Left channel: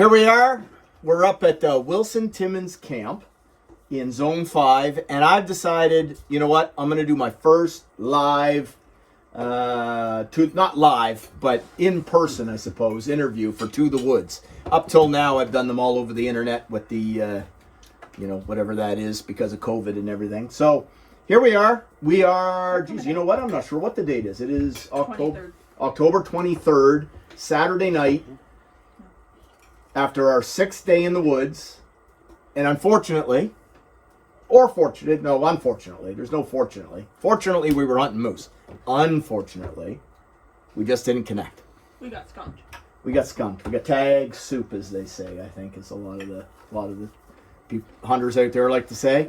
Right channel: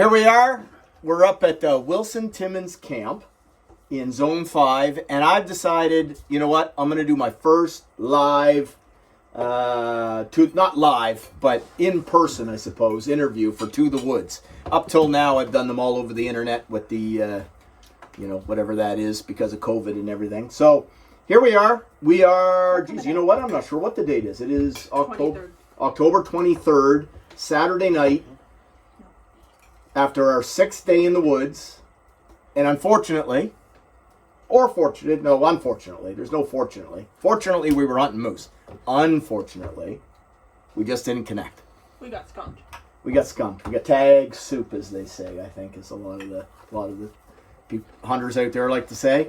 Here we are. We're up at Wilson Timmons Camp in Zone 5, and I've decided, you know what, I'm going to do my first live, not live, but in person, I suppose, interview for To the Woods. Up till now, I've done them all over the internet with the, whatever that is because of COVID and everything. So here we are. We are, geez, you know what, I'm not sure what the date is. It is October 23rd, Saturday night. After our 6th day in the woods, and unfortunately, there's no fortunately. Fortunately, we were hunting moose. Unfortunately, we just didn't connect. We got skunked. We got tag soup, as they say. I think is a lot of the hunters out there like to say.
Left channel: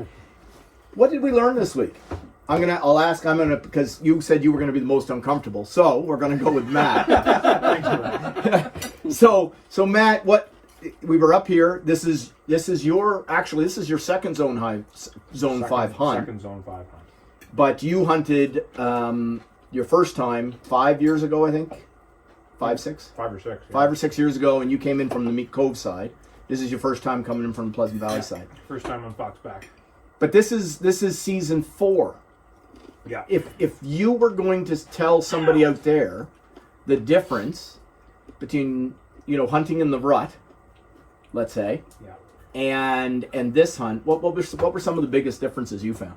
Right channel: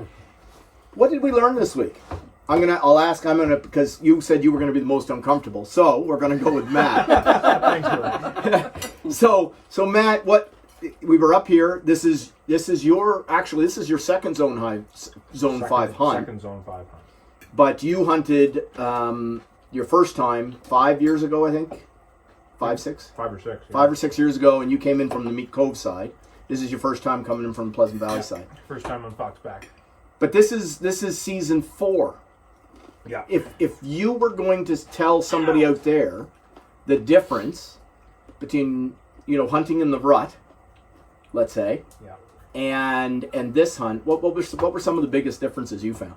What did we learn this week? Because you said you were gonna be the most uncomfortable, so we're gonna go with Matt. So Matt, we were up here. This is your second Zone 5 hunt. Second Zone 5 hunt. But you hunted your first time 5 years ago, I think. 5 or 6. Yeah. 5 or 6 years ago, and you came in from the Meat Cove side. This is your first time coming in from the Pleasant Valley side. First time on Foxback. But this is season 4. Yeah. If you were going to tell somebody out there the difference between hunting in the rut, let's say, and this hunt, what were some of the biggest differences you found?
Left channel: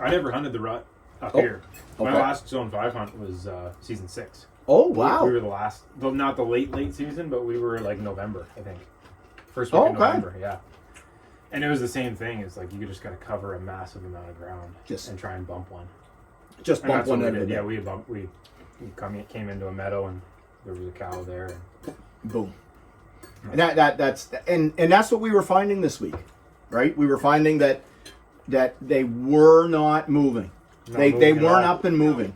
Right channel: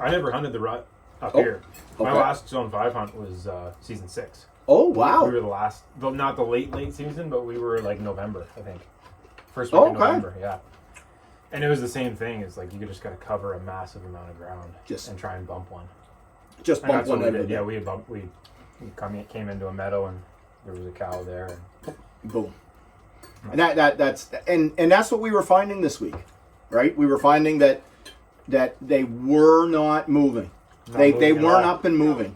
I never hunted the rut up here. My last Zone 5 hunt was season 6. Oh wow! We were the last, not the late season, but we were like November, I think. First week of November, yeah. And it was the same thing. It's like you just got to cover a massive amount of ground and try and bump one. Just bump one. Yeah, we came into a meadow and there was a cow there. And boom. And that's what we were finding this week, right? We were finding that they were not moving. They weren't up and moving.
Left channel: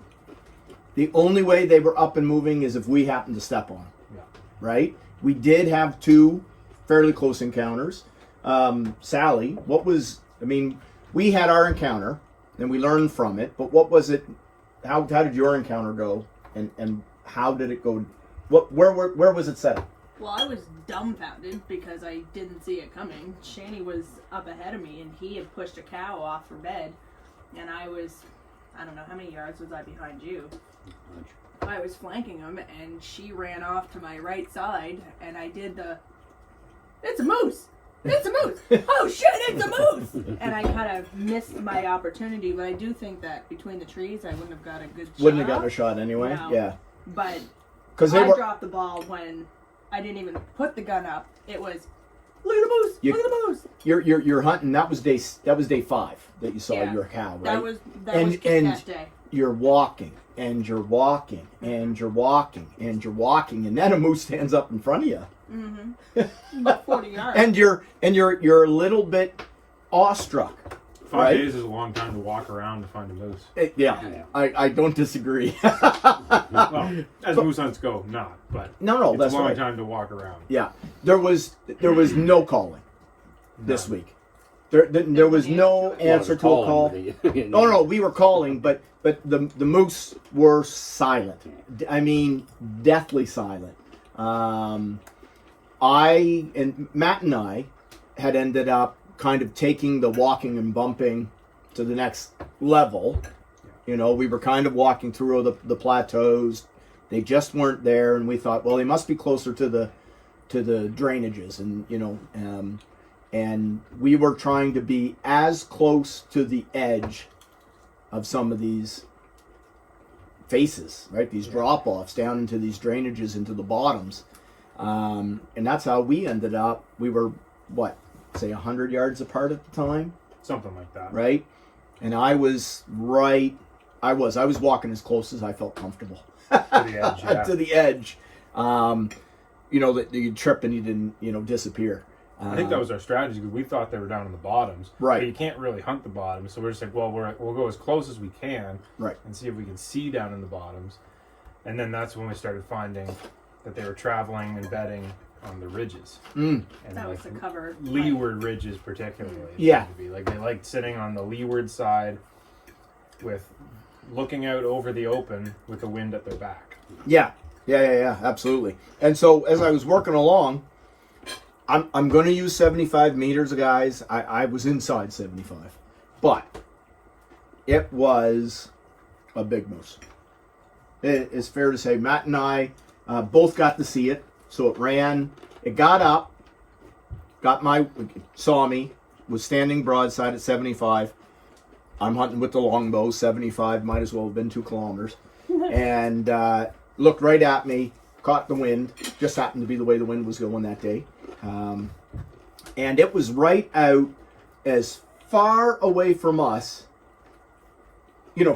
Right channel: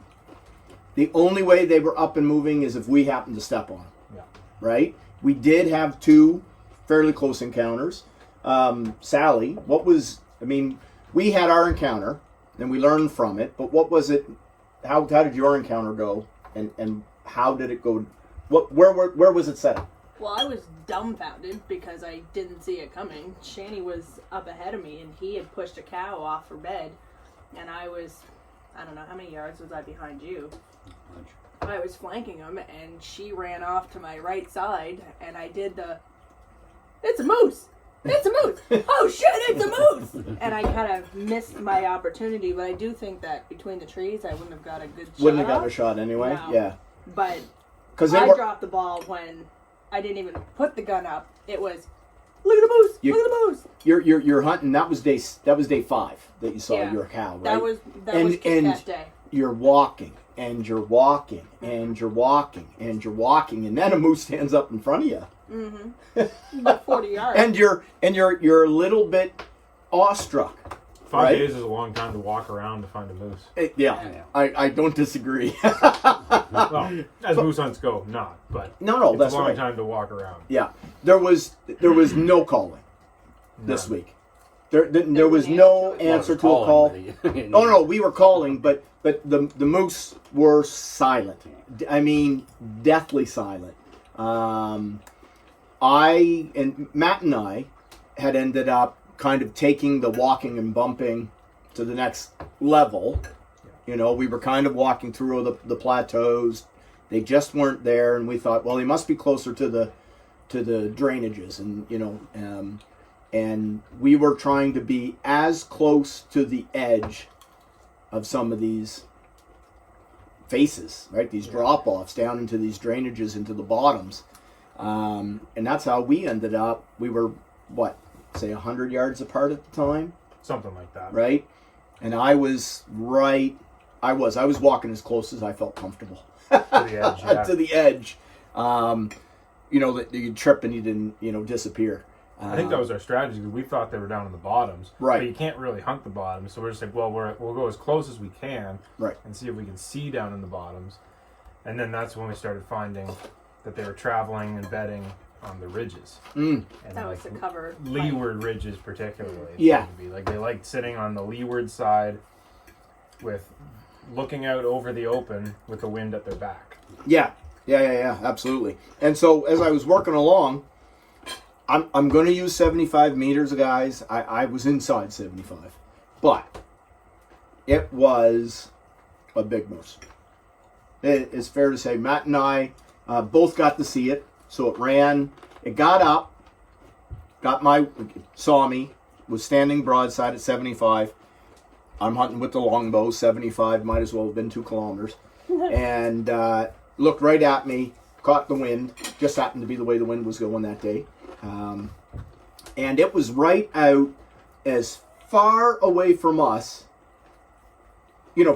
The only way they were up and moving is if we happened to step on them, right? We did have 2 fairly close encounters. Sally, we had our encounter and we learned from it, but what was it? How did your encounter go? And how did it go? Where was it set? Well, I was dumbfounded because I didn't see it coming. Shani was up ahead of me and he had pushed a cow off her bed, and I don't know how many yards was I behind you. I was flanking him and she ran off to my right side, and I did it's a moose! It's a moose! Oh shit, it's a moose! And I kind of missed my opportunity, but I do think that between the trees I wouldn't have got a good shot. Wouldn't have gotten a shot anyway? No. Yeah. But dropped the ball when I didn't even put the gun up. It was, look at the moose! Look at the moose! You're hunting. That was day 5 that you saw your cow, right? That was that day. You're walking and you're walking and you're walking and you're walking, and then a moose stands up in front of you. Mm-hmm. About 40 yards. And you're a little bit awestruck. 5 days is a long time to walk around to find a moose. I don't disagree. Well, as moose hunts go, not. But no, that's a long right. time to walk around. Yeah, there was no calling this week. There was no answer to a call. Oh no, we were calling, but the moose were silent. I mean, deathly silent. Matt and I had ended up kind of taking the walking and bumping to the next level. We were kind of walking through the plateaus. They just weren't there, and we thought, well, they must be closer to the drainages, and we were trying to be as close to the edge of some of these faces, right? These drop-offs down into these drainages, into the bottoms. And that's how we ended up. We were, 100 yards apart at the time? Something like that. Right? And I was walking as close as I felt comfortable. To the edge, yeah. To the edge. That you trip and you didn't, disappear. I think that was our strategy, because we thought they were down in the bottoms. Right. But you can't really hunt the bottoms, so we're just like, well, we'll go as close as we can, right, and see if we can see down in the bottoms. And then that's when we started finding that they were traveling and bedding on the ridges. And that was the cover. Leeward ridges, particularly. Yeah. They liked sitting on the leeward side, with looking out over the open with the wind at their back. Yeah, absolutely. And so as I was working along, I'm going to use 75 meters, guys. I was inside 75, but it was a big moose. It's fair to say Matt and I both got to see it. So it ran, it got up, saw me, was standing broadside at 75. I'm hunting with the longbow, 75, might as well have been 2 kilometers. And looked right at me, caught the wind, just happened to be the way the wind was going that day. And it was right out as far away from us,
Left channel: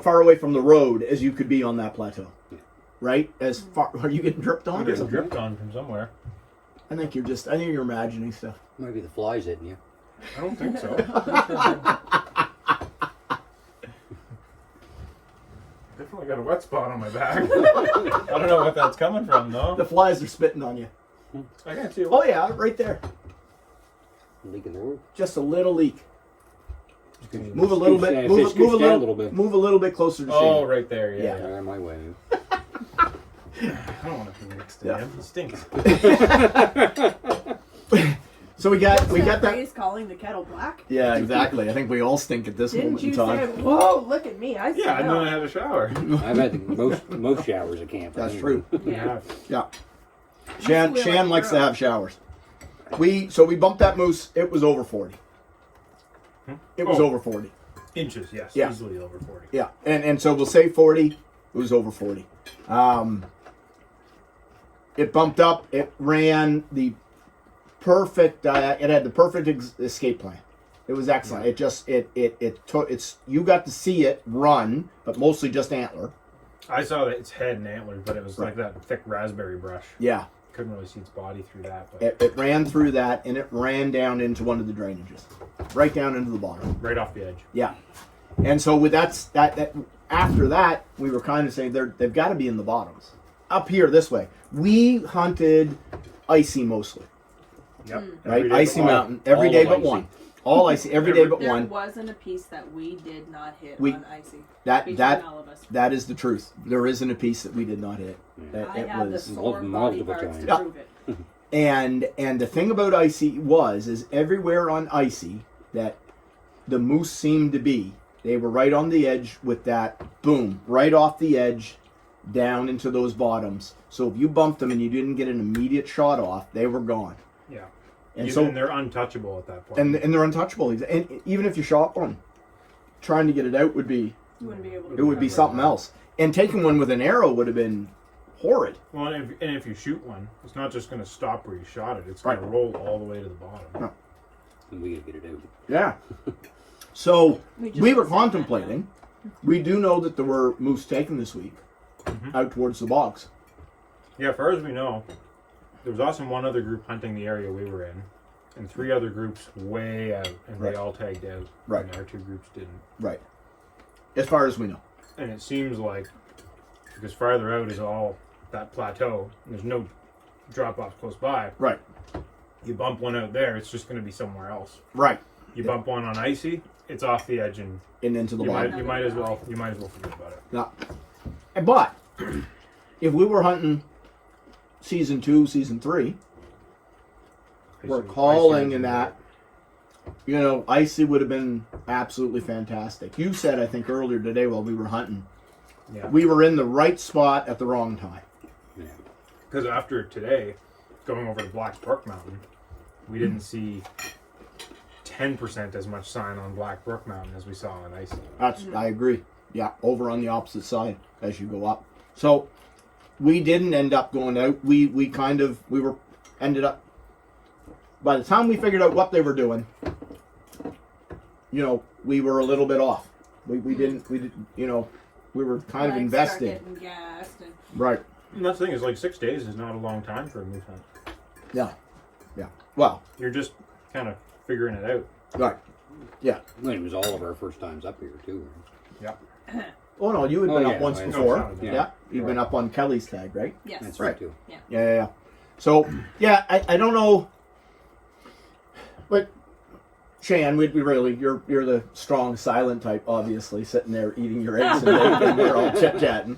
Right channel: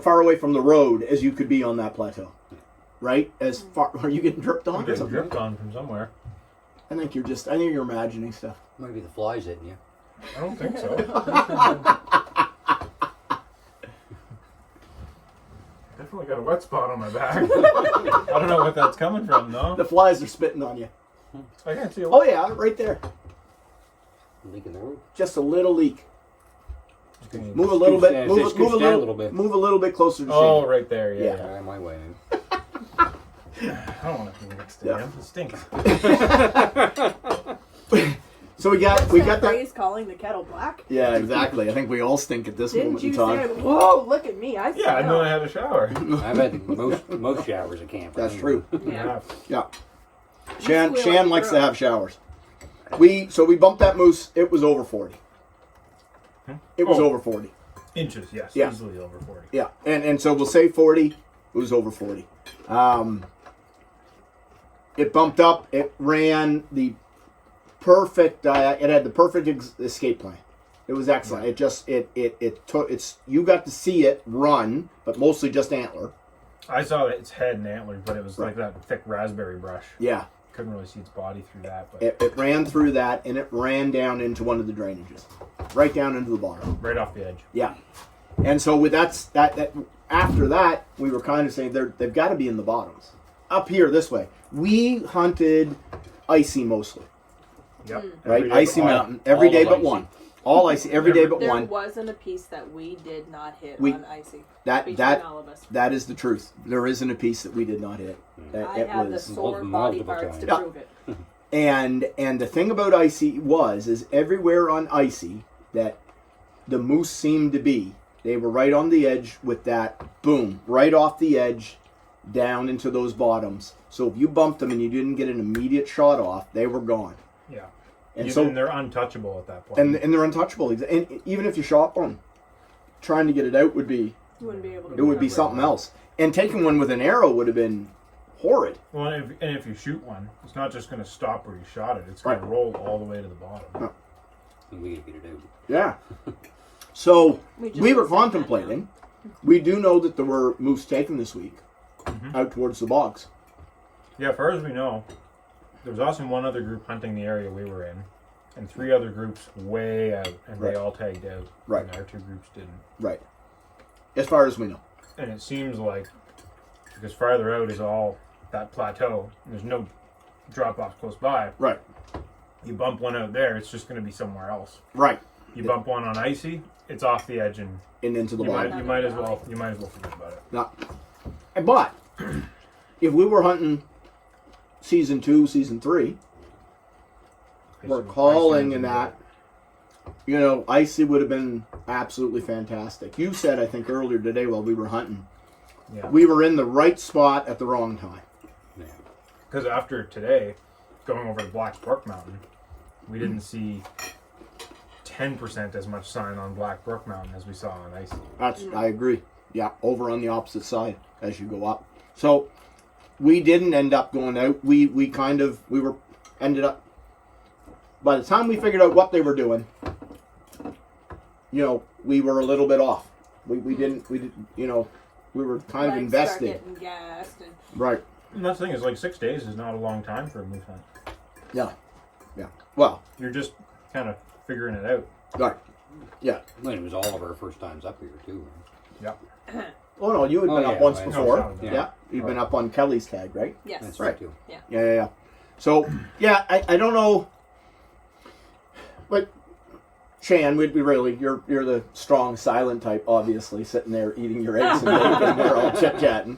far away from the road as you could be on that plateau. Right? As far, are you getting dripped on? I'm getting dripped on from somewhere. I think you're imagining stuff. Maybe the flies hitting you. I don't think so. Definitely got a wet spot on my back. I don't know what that's coming from, though. The flies are spitting on you. I can't see a Oh yeah, right there. Leak in the roof. Just a little leak. Move a Scoot little bit. down, Move, scoot move a down a little little bit. Move a little bit closer to Oh, Shane. right there, yeah. Yeah, my way. I don't want to be mixed in. Yeah. It stinks. So we got that. Phrase calling the kettle black. Yeah, exactly. I think we all stink at this Didn't moment you in say, time. whoa, look at me, I Yeah, and then I had a shower. I've had most showers at camp. That's true. Yeah. Yeah. Squeal like Shan a likes to girl. have showers. We bumped that moose. It was over 40. It was Oh. over 40. Inches, yes. Yeah. Easily over 40. Yeah, and so we'll say 40. It was over 40. It bumped up. It ran the perfect. It had the perfect escape plan. It was excellent. Yeah. It just it took it's. You got to see it run, but mostly just antler. I saw that its head and antlers, but it was like that thick raspberry brush. Yeah, Couldn't really see its body through that. But it ran through that, and it ran down into one of the drainages, right down into the bottom. right off the edge. Yeah, and so with that after that, we were kind of saying they've got to be in the bottoms. Up here this way, we hunted icy mostly. Yep. Right, Every day icy but mountain every all day of but icy. one. All icy every day but There one. wasn't a piece that we did not hit We- on icy. That Between that all of us. that is the truth. There isn't a piece that we did not hit. That I it had the was. sore Multiple body parts to times. prove it. And the thing about icy is everywhere on icy that the moose seemed to be, they were right on the edge with that boom, right off the edge down into those bottoms. So if you bumped them and you didn't get an immediate shot off, they were gone. Yeah. And Even so they're untouchable at that point. and they're untouchable. And even if you shot one, trying to get it out would be You wouldn't be able to. it would be something else. And taking one with an arrow would have been horrid. Well, and if you shoot one, it's not just going to stop where you shot it. It's going Right. to roll all the way to the bottom. And we gotta get it out. Yeah. So We just we were said that. contemplating. We do know that there were moose taken this week out towards the bogs. Yeah, as far as we know, there was also one other group hunting the area we were in, and 3 other groups way out, and Right. they all tagged out. Right. And our 2 groups didn't. Right. As far as we know. And it seems like, because farther out is all that plateau, and there's no drop-offs close by, Right. you bump one out there, it's just going to be somewhere else. Right. You bump one on icy, it's off the edge, and And into the you bog. might as well forget about it. Not. But if we were hunting season 2, season 3, we're Icy- calling icy in would be that. Icy would have been absolutely fantastic. You said, I think earlier today while we were hunting, Yeah. we were in the right spot at the wrong time. Yeah. Because after today, going over to Black Brook Mountain, we didn't see 10% as much sign on Black Brook Mountain as we saw on Icy. I agree. Yeah, over on the opposite side as you go up. So we didn't end up going out. We ended up. By the time we figured out what they were doing, we were a little bit off. We didn't. We were kind of Legs invested. start getting gassed and Right. And that's the thing is, like, 6 days is not a long time for a moose hunt. Yeah. Yeah. Well. You're just kind of figuring it out. Right. Yeah. Well, it was all of our first times up here too. Yeah. Oh no, you had Oh, been yeah, up once I- before. No, Yeah. yeah. You've been up on Kelly's tag, right? yes. That's Right. right too. Yeah. So, yeah, I don't know. But, Shan, we'd be really, you're the strong, silent type, obviously, sitting there eating your eggs and bacon, and we're all chit-chatting.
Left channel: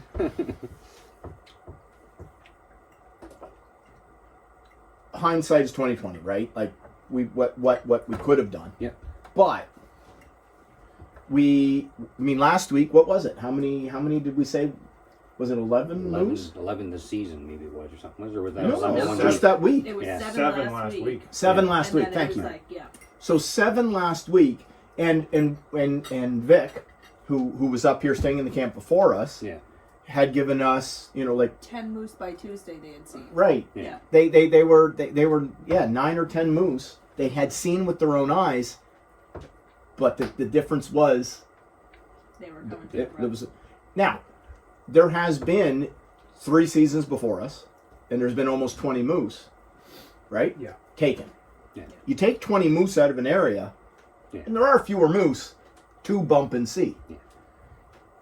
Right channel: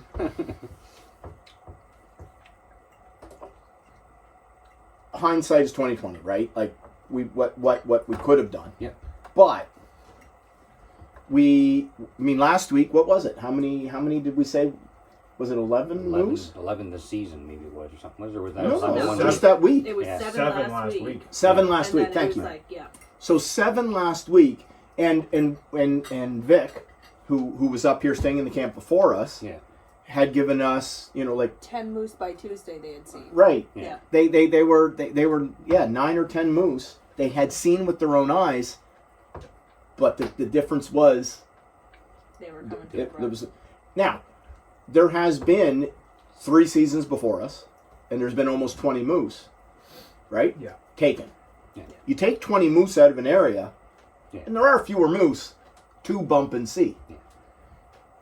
hindsight is 2020, right? Like what we could have done. Yep. But last week, what was it? How many did we say? Was it 11 moose? 11 this season, maybe it was, or something. Or was that No, 11 one just week? that week. It was Yeah. 7 last week. 7 Yeah. last And week. then Thank it you. was like, yeah. So 7 last week, and Vic, who was up here staying in the camp before us, Yeah. had given us, like 10 moose by Tuesday they had seen. right. Yeah. They were 9 or 10 moose they had seen with their own eyes, but the difference was They were coming to the there was now there has been 3 seasons before us, and there's been almost 20 moose, right? Yeah. Taken. Yeah. You take 20 moose out of an area, Yeah. and there are fewer moose to bump and see. Yeah.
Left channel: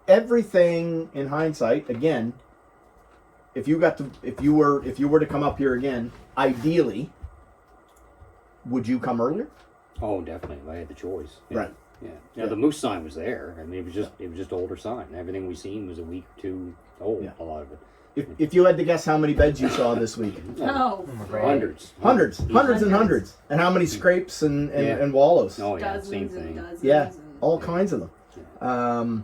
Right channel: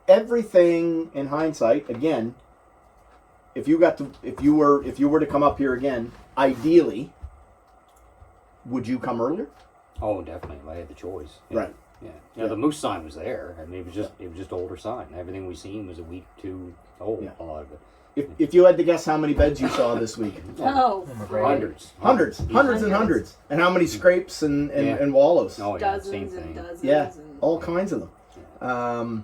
Everything in hindsight, again, if you were to come up here again, ideally, would you come earlier? Oh, definitely. If I had the choice. Yeah. Right. Yeah. Now the moose sign was there. I mean, it was just older sign. Everything we seen was a week too old. Yeah. A lot of it. If you had to guess how many beds you saw this week, Oh, my right. Hundreds. hundreds and hundreds, and how many scrapes and Yeah. wallows? Oh yeah, Dozens same and thing. dozens. Yeah, And all kinds of them. Yeah.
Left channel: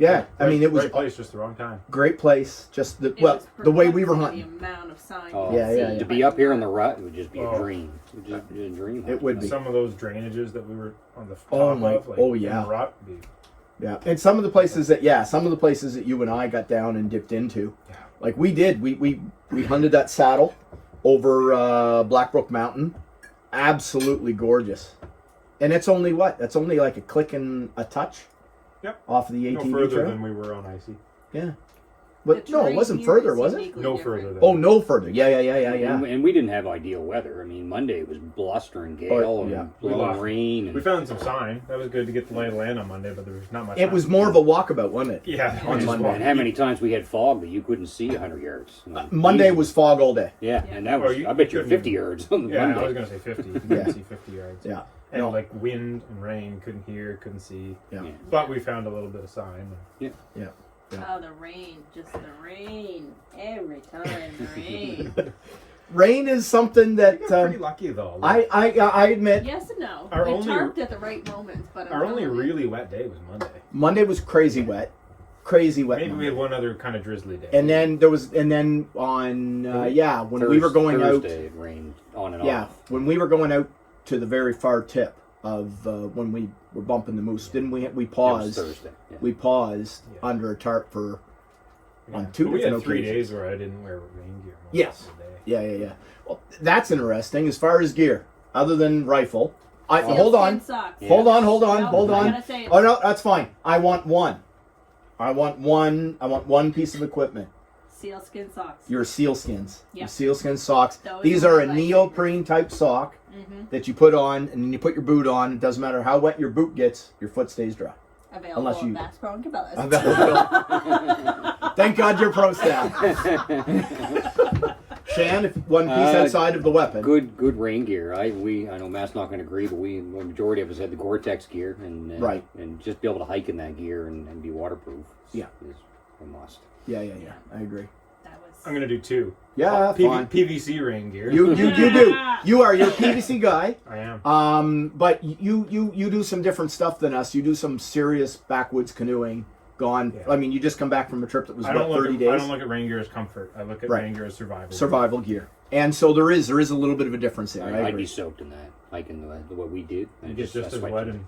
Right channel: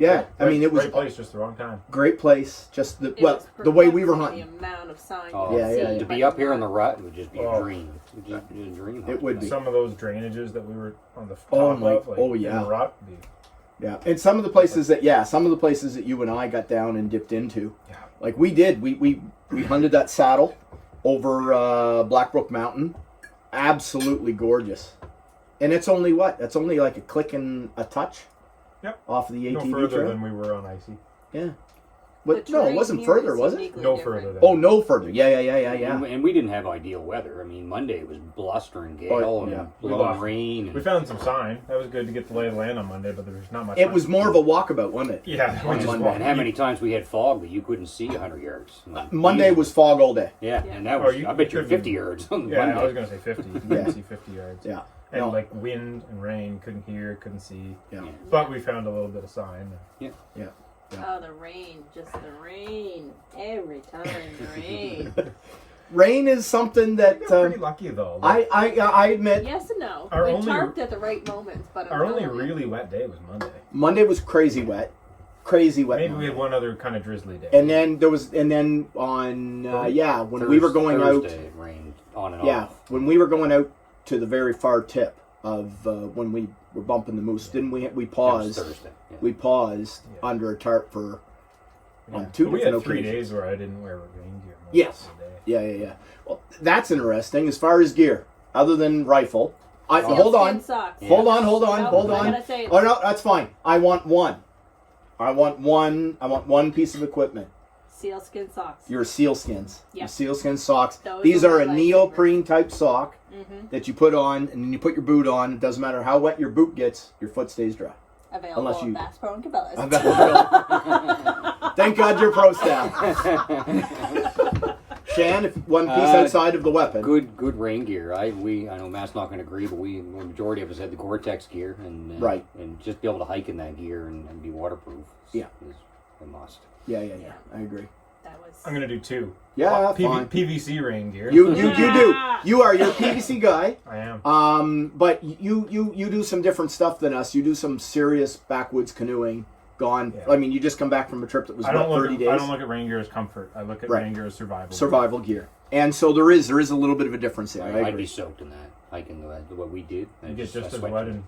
Yeah, I mean it was right place, just the wrong time. great place. Just it the was way we were perplexing, hunting. The amount of signs Oh, you yeah, could yeah, see, yeah. To be but up here in the rut would just be Oh. a dream. It would just be a dream. It would be. Some of those drainages that we were on the top Oh my- of, like, oh, in yeah. the rut, would be- Yeah, and some of the places that you and I got down and dipped into, Yeah. like we did. We hunted that saddle over Blackbrook Mountain. Absolutely gorgeous. And it's only what? It's only like a click and a touch. Yep. Off of the no ATV further trail. than we were on icy. Yeah. But the no, it terrain wasn't here further, is was it? uniquely No different. further than Oh, no further. Yeah. And we didn't have ideal weather. I mean, Monday was bluster and gale Oh, and yeah. blowing rain. We And found some sign. That was good to get the lay of the land on Monday, but there was not much. It sign. was more of a walkabout, wasn't it? Yeah. on we just Monday. walked- and how many times we had fog that you couldn't see 100 yards. Monday Easy. was fog all day. Yeah, and that Oh, was. you I bet you're couldn't- 50 yards on the Yeah, I was Monday. gonna say 50. You Yeah. couldn't see 50 yards. Yeah. And No. like wind and rain, couldn't hear, couldn't see. Yeah. Yeah. But we found a little bit of sign. Yeah. Oh, the rain. Just the rain. Every time the rain. Rain is something We that got pretty lucky though. I admit Yes and no. Our We only- tarped at the right moments, but Our only until then- really wet day was Monday. Monday was crazy wet. Crazy wet. Maybe we Monday. had one other kind of drizzly day. And then on when we were going Thursday, it rained on and off. when we were going out to the very far tip of when we were bumping the moose, didn't we? We It was paused. Thursday. Yeah. We paused Yeah. under a tarp for Yeah. on 2 But we different had 3 occasions. days where I didn't wear rain gear. most Yes. of the day. Yeah. Well, that's interesting. As far as gear, other than rifle, hold on, Sealskin socks. Yeah. hold on, No, hold I'm on. gonna say it. Oh no, that's fine. I want one piece of equipment. Sealskin socks. Your sealskins. Yeah. Your sealskin socks. Those These are are a my neoprene type sock Mm-hmm. that you put on, and then you put your boot on. It doesn't matter how wet your boot gets, your foot stays dry. Available Unless you- at Bass Pro and Cabela's. Thank God you're pro staff. Shan, if one piece outside of the weapon. Good rain gear. I know Matt's not going to agree, but the majority of us had the Gore-Tex gear, and Right. and just be able to hike in that gear and be waterproof. Yeah. is a must. Yeah. I agree. That was. I'm gonna do 2. Yeah, fine. PVC rain gear. You do. Yeah. You are your PVC guy. I am. But you do some different stuff than us. You do some serious backwoods canoeing. Gone. Yeah. I mean, you just come back from a trip that was I don't 30 days. I don't look at rain gear as comfort. I look at Right. rain gear as survival. Survival gear. And so there is a little bit of a difference there. I I'd agree. be soaked in that hiking what we did. You get just as sweat wet to and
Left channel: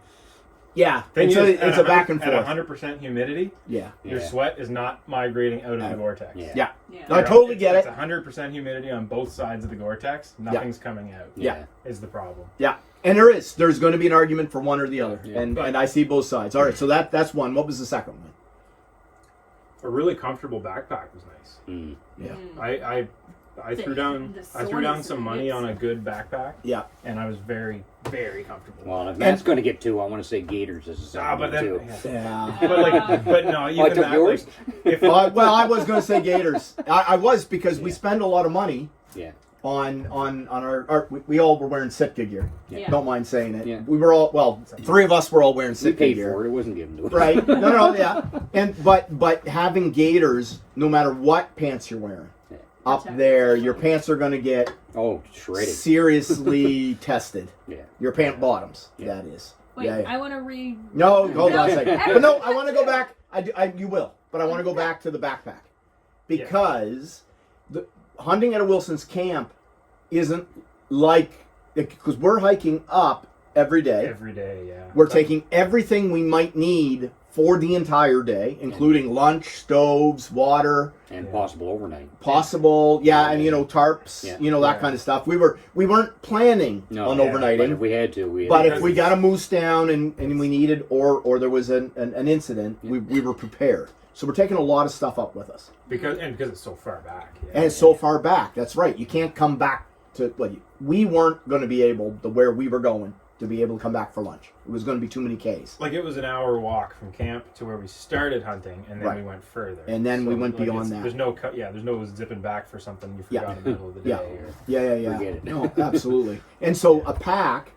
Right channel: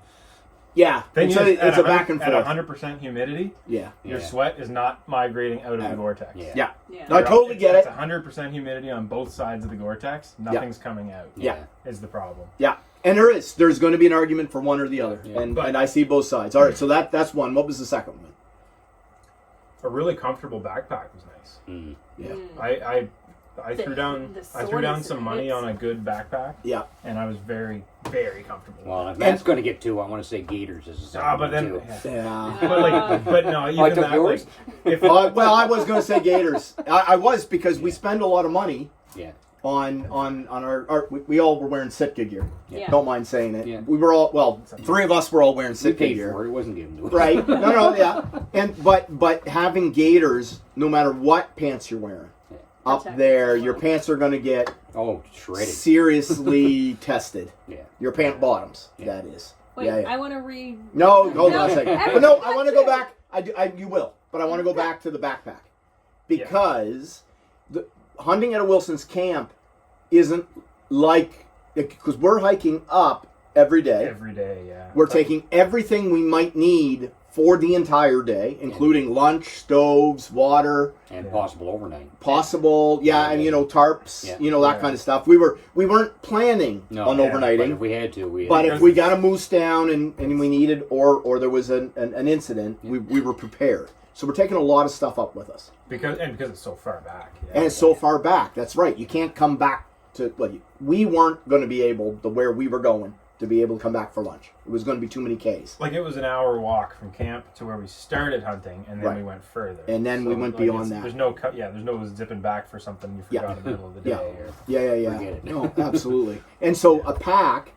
Yeah, Thing it's is, a back and At forth. 100% humidity, Yeah, your Yeah. sweat is not migrating out of the Gore-Tex. Yeah. yeah. Yeah. I totally get It's it. 100% humidity on both sides of the Gore-Tex. Nothing's coming out. Yeah. Is the problem. Yeah, and there's going to be an argument for one or the other, Yeah. and I see both sides. All right, so that's one. What was the second one? A really comfortable backpack was nice. Mm. Yeah. I threw down the some soreness money hits. on a good backpack, Yeah, and I was very, very comfortable. Well, if Matt's going to get 2, I want to say Gators as a second but one, then, too. yeah. but no, even Oh, I took that, yours? like, if Well, I was going to say Gators. I was because we Yeah. spend a lot of money Yeah. on our we all were wearing Sitka gear. Yeah. Don't mind saying it. Yeah. We were all 3 of us were all wearing We Sitka paid gear. for it. It wasn't given to us. Right? No, yeah. And but having Gators, no matter what pants you're wearing, up Protect there, yourself. your pants are going to get Oh, shredded. seriously tested. Yeah. Your pant bottoms, Yeah. that is. Wait, Yeah, yeah. I want to read. No, hold on a second. I But no, want I want to to. go back. You will, but I want to go back to the backpack because the hunting at a Wilson's camp isn't like because we're hiking up every day. Every day, yeah. We're taking everything we might need for the entire day, including lunch, stoves, water, And possible overnight. possible, and tarps, Yeah. that Yeah. kind of stuff. We weren't planning No, on yeah, overnighting. But if we had to, we had But to. if we got a moose down and we needed, or there was an incident, we were prepared. So we're taking a lot of stuff up with us. Because it's so far back. Yeah. And it's so far back. That's right. You can't come back to, we weren't going to be able, to where we were going, to be able to come back for lunch. It was going to be too many Ks. Like it was an hour walk from camp to where we started hunting, and then Right. we went further. And then we went beyond it's- that. There's no there's no zipping back for something you forgot in the middle of the day. Yeah. Or, Yeah. Forget it. No, absolutely. And so a pack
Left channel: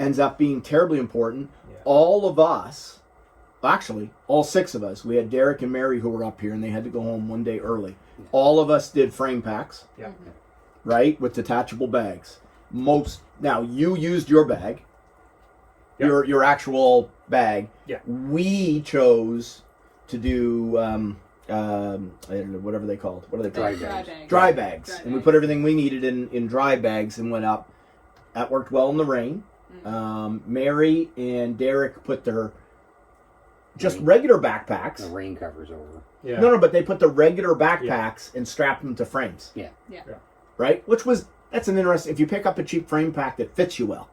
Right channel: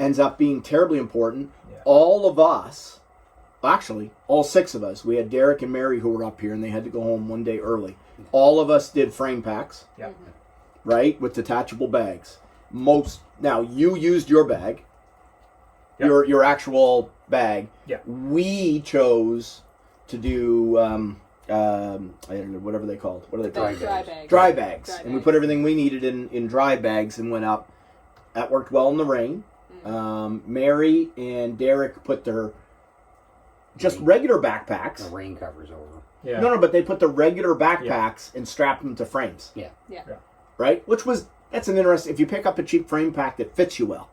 ends up being terribly important. Yeah. All of us, actually, all 6 of us, we had Derek and Mary who were up here and they had to go home one day early. All of us did frame packs, yeah. right, with detachable bags. Now, you used your bag, Yep. your actual bag. Yeah. We chose to do, I don't know, whatever they called. What are they Dry called? bags. Dry bags. Dry And we bags. put everything we needed in dry bags and went up. That worked well in the rain. Mary and Derek put their just regular backpacks. The rain covers over. Yeah. No, but they put the regular backpacks and strapped them to frames. Yeah. Right? That's an interesting, if you pick up a cheap frame pack that fits you well,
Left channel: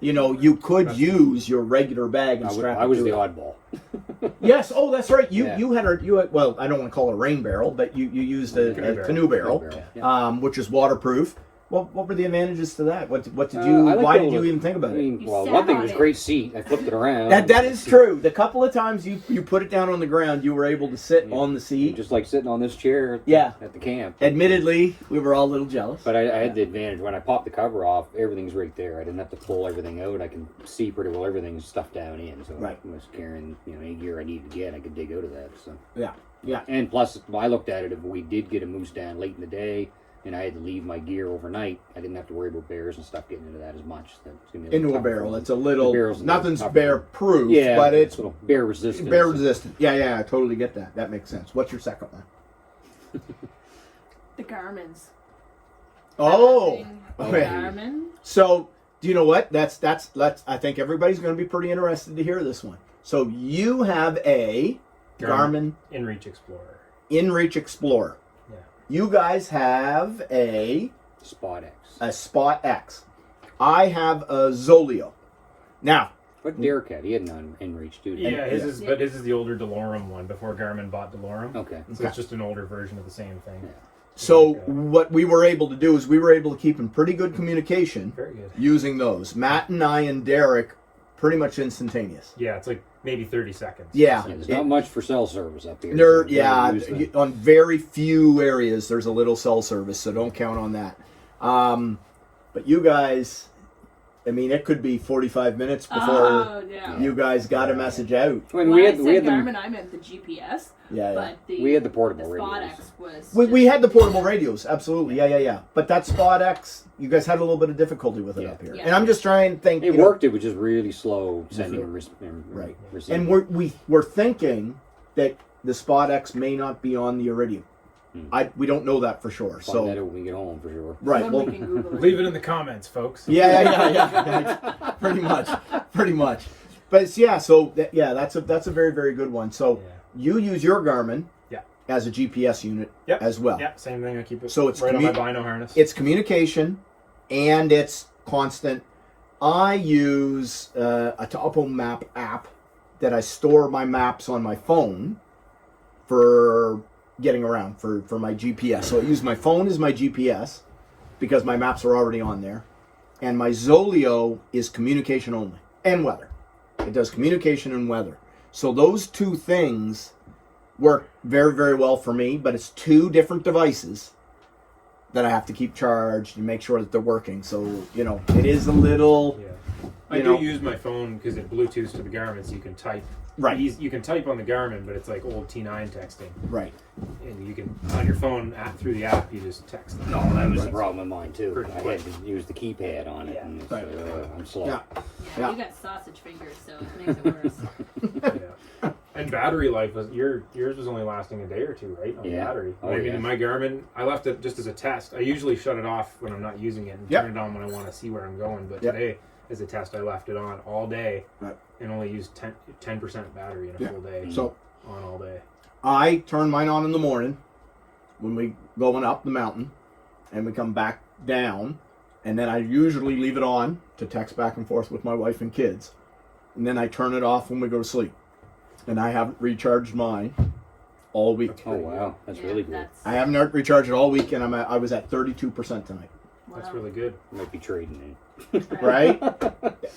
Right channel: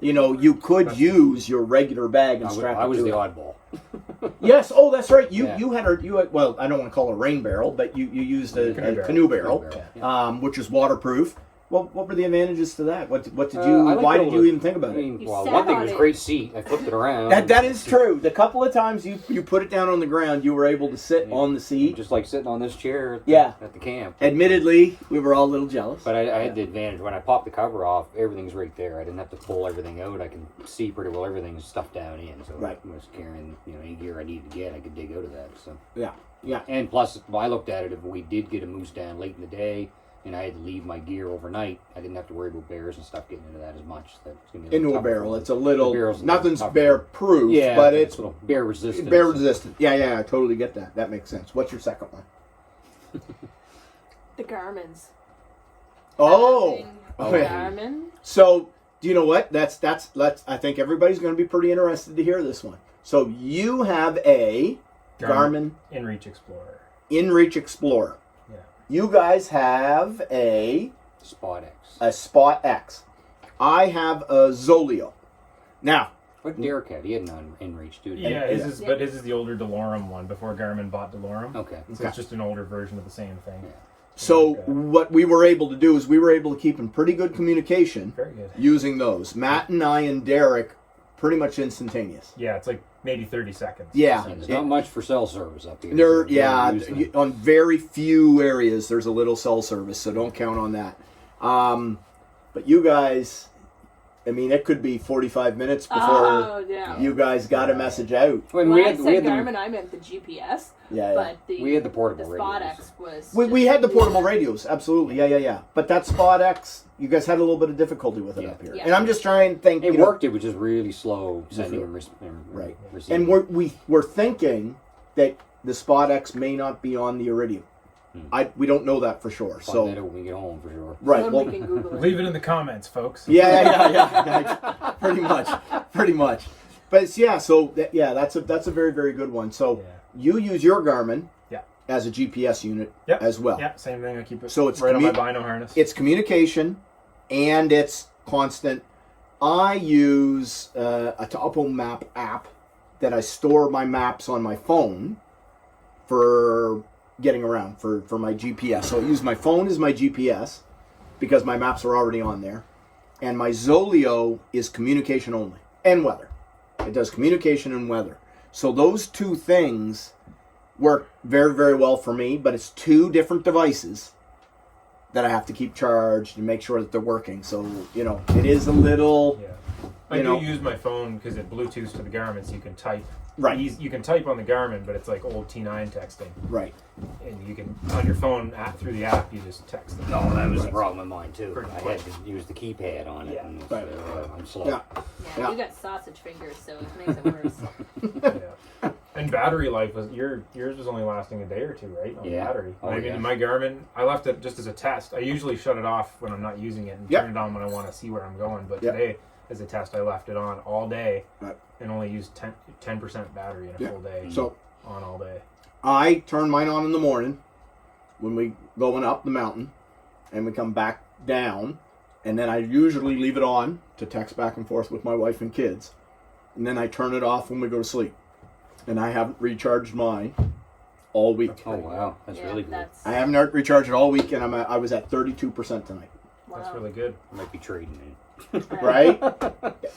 you could use your regular bag and strap it I was to the it. oddball. Yes. Oh, that's right. You Yeah. you had well, I don't want to call it a rain barrel, but you used a Canoe canoe barrel. barrel, Yeah. which is waterproof. What were the advantages to that? What did I you? like Why the did you old- even think about I it? mean, You well, sat one thing on was it. great seat. I flipped it around. That is true. The couple of times you put it down on the ground, you were able to sit Yeah. on the seat. Just like sitting on this chair at Yeah. at the camp. Admittedly, we were all a little jealous. But I had the advantage when I popped the cover off, everything's right there. I didn't have to pull everything out. I can see pretty well everything's stuffed down in. So Right. I was carrying any gear I needed to get, I could dig out of that. So Yeah. and plus, I looked at it. If we did get a moose down late in the day, and I had to leave my gear overnight, I didn't have to worry about bears and stuff getting into that as much. That's gonna be a little Into a tougher barrel, for it's a them. little. The barrel's a little Nothing's tougher. bear proof, Yeah, but it's a little bear resistant. bear resistant. Yeah, I totally get that. That makes sense. What's your second one? The Garmins. Oh, Having okay. Garmin. So do you know what? Let's. I think everybody's going to be pretty interested to hear this one. So you have a Garmin InReach Explorer. InReach Explorer. Yeah. You guys have a Spot X. Spot X. I have a Zoleo. Now, What Derek had? He had an InReach too. didn't Yeah, he? but his is the older DeLorme one before Garmin bought DeLorme. Okay. So it's just an older version of the same thing. Yeah. so what we were able to do is we were able to keep in pretty good communication Very good. using those. Matt and I and Derek, pretty much instantaneous. Yeah, it's like maybe 30 seconds. Yeah. Yeah, there's not much for cell service up here. There, so yeah, don't use the- on very few areas there's a little cell service, so don't count on that. But you guys, I mean, it could be 45 minutes before Oh, yeah. you guys got a message out. When When we I had, said we had Garmin, them, I meant the GPS. Yeah, yeah. But we had the portable Spot radios. X was. We just- had the portable radios, absolutely, yeah. But that Spot X, you guys had a little bit of difficulty with it Yeah. up here, Yeah. and I'm just trying to think. It you know, worked. It was just really slow sending and Right. receiving. and we're thinking that the Spot X may not be on the Iridium. We don't know that for sure. Find So that out when we get home for sure. right, When well, we can Google it. Leave it in the comments, folks. yeah. pretty much. But it's, that's a very, very good one. So Yeah. you use your Garmin Yeah. as a GPS unit Yep. as well. Yeah, same thing. I keep it So it's right on my bino harness. It's communication and it's constant. I use a Topo Map app that I store my maps on my phone for getting around for my GPS. So I use my phone as my GPS because my maps are already on there. And my Zoleo is communication only and weather. It does communication and weather. So those two things work very, very well for me, but it's two different devices that I have to keep charged and make sure that they're working. So, it is a little, Yeah. I do use my phone because it Bluetooths to the Garmin, so you can type. Right. You can type on the Garmin, but it's like old T9 texting. Right. And you can, on your phone, through the app, you just text. No, that was a problem of mine too. Pretty I quick. had to use the keypad on it, Yeah. and Right. I'm slow. Yeah. Yeah, you got sausage fingers, so it makes it worse. Yeah. And battery life was yours was only lasting a day or two, right? On the Yeah. battery. Oh, I mean, yeah. in my Garmin, I left it just as a test. I usually shut it off when I'm not using it and Yep. turn it on when I want to see where I'm going. But Yep. today, as a test, I left it on all day Right. and only used 10% battery in a Yeah. full day. So on all day. I turn mine on in the morning when we going up the mountain, and we come back down, and then I usually leave it on to text back and forth with my wife and kids, and then I turn it off when we go to sleep. And I haven't recharged mine all week. Oh wow, that's really good. I haven't recharged it all week, and I was at 32% tonight. Wow. That's really good. I might be trading in. Right?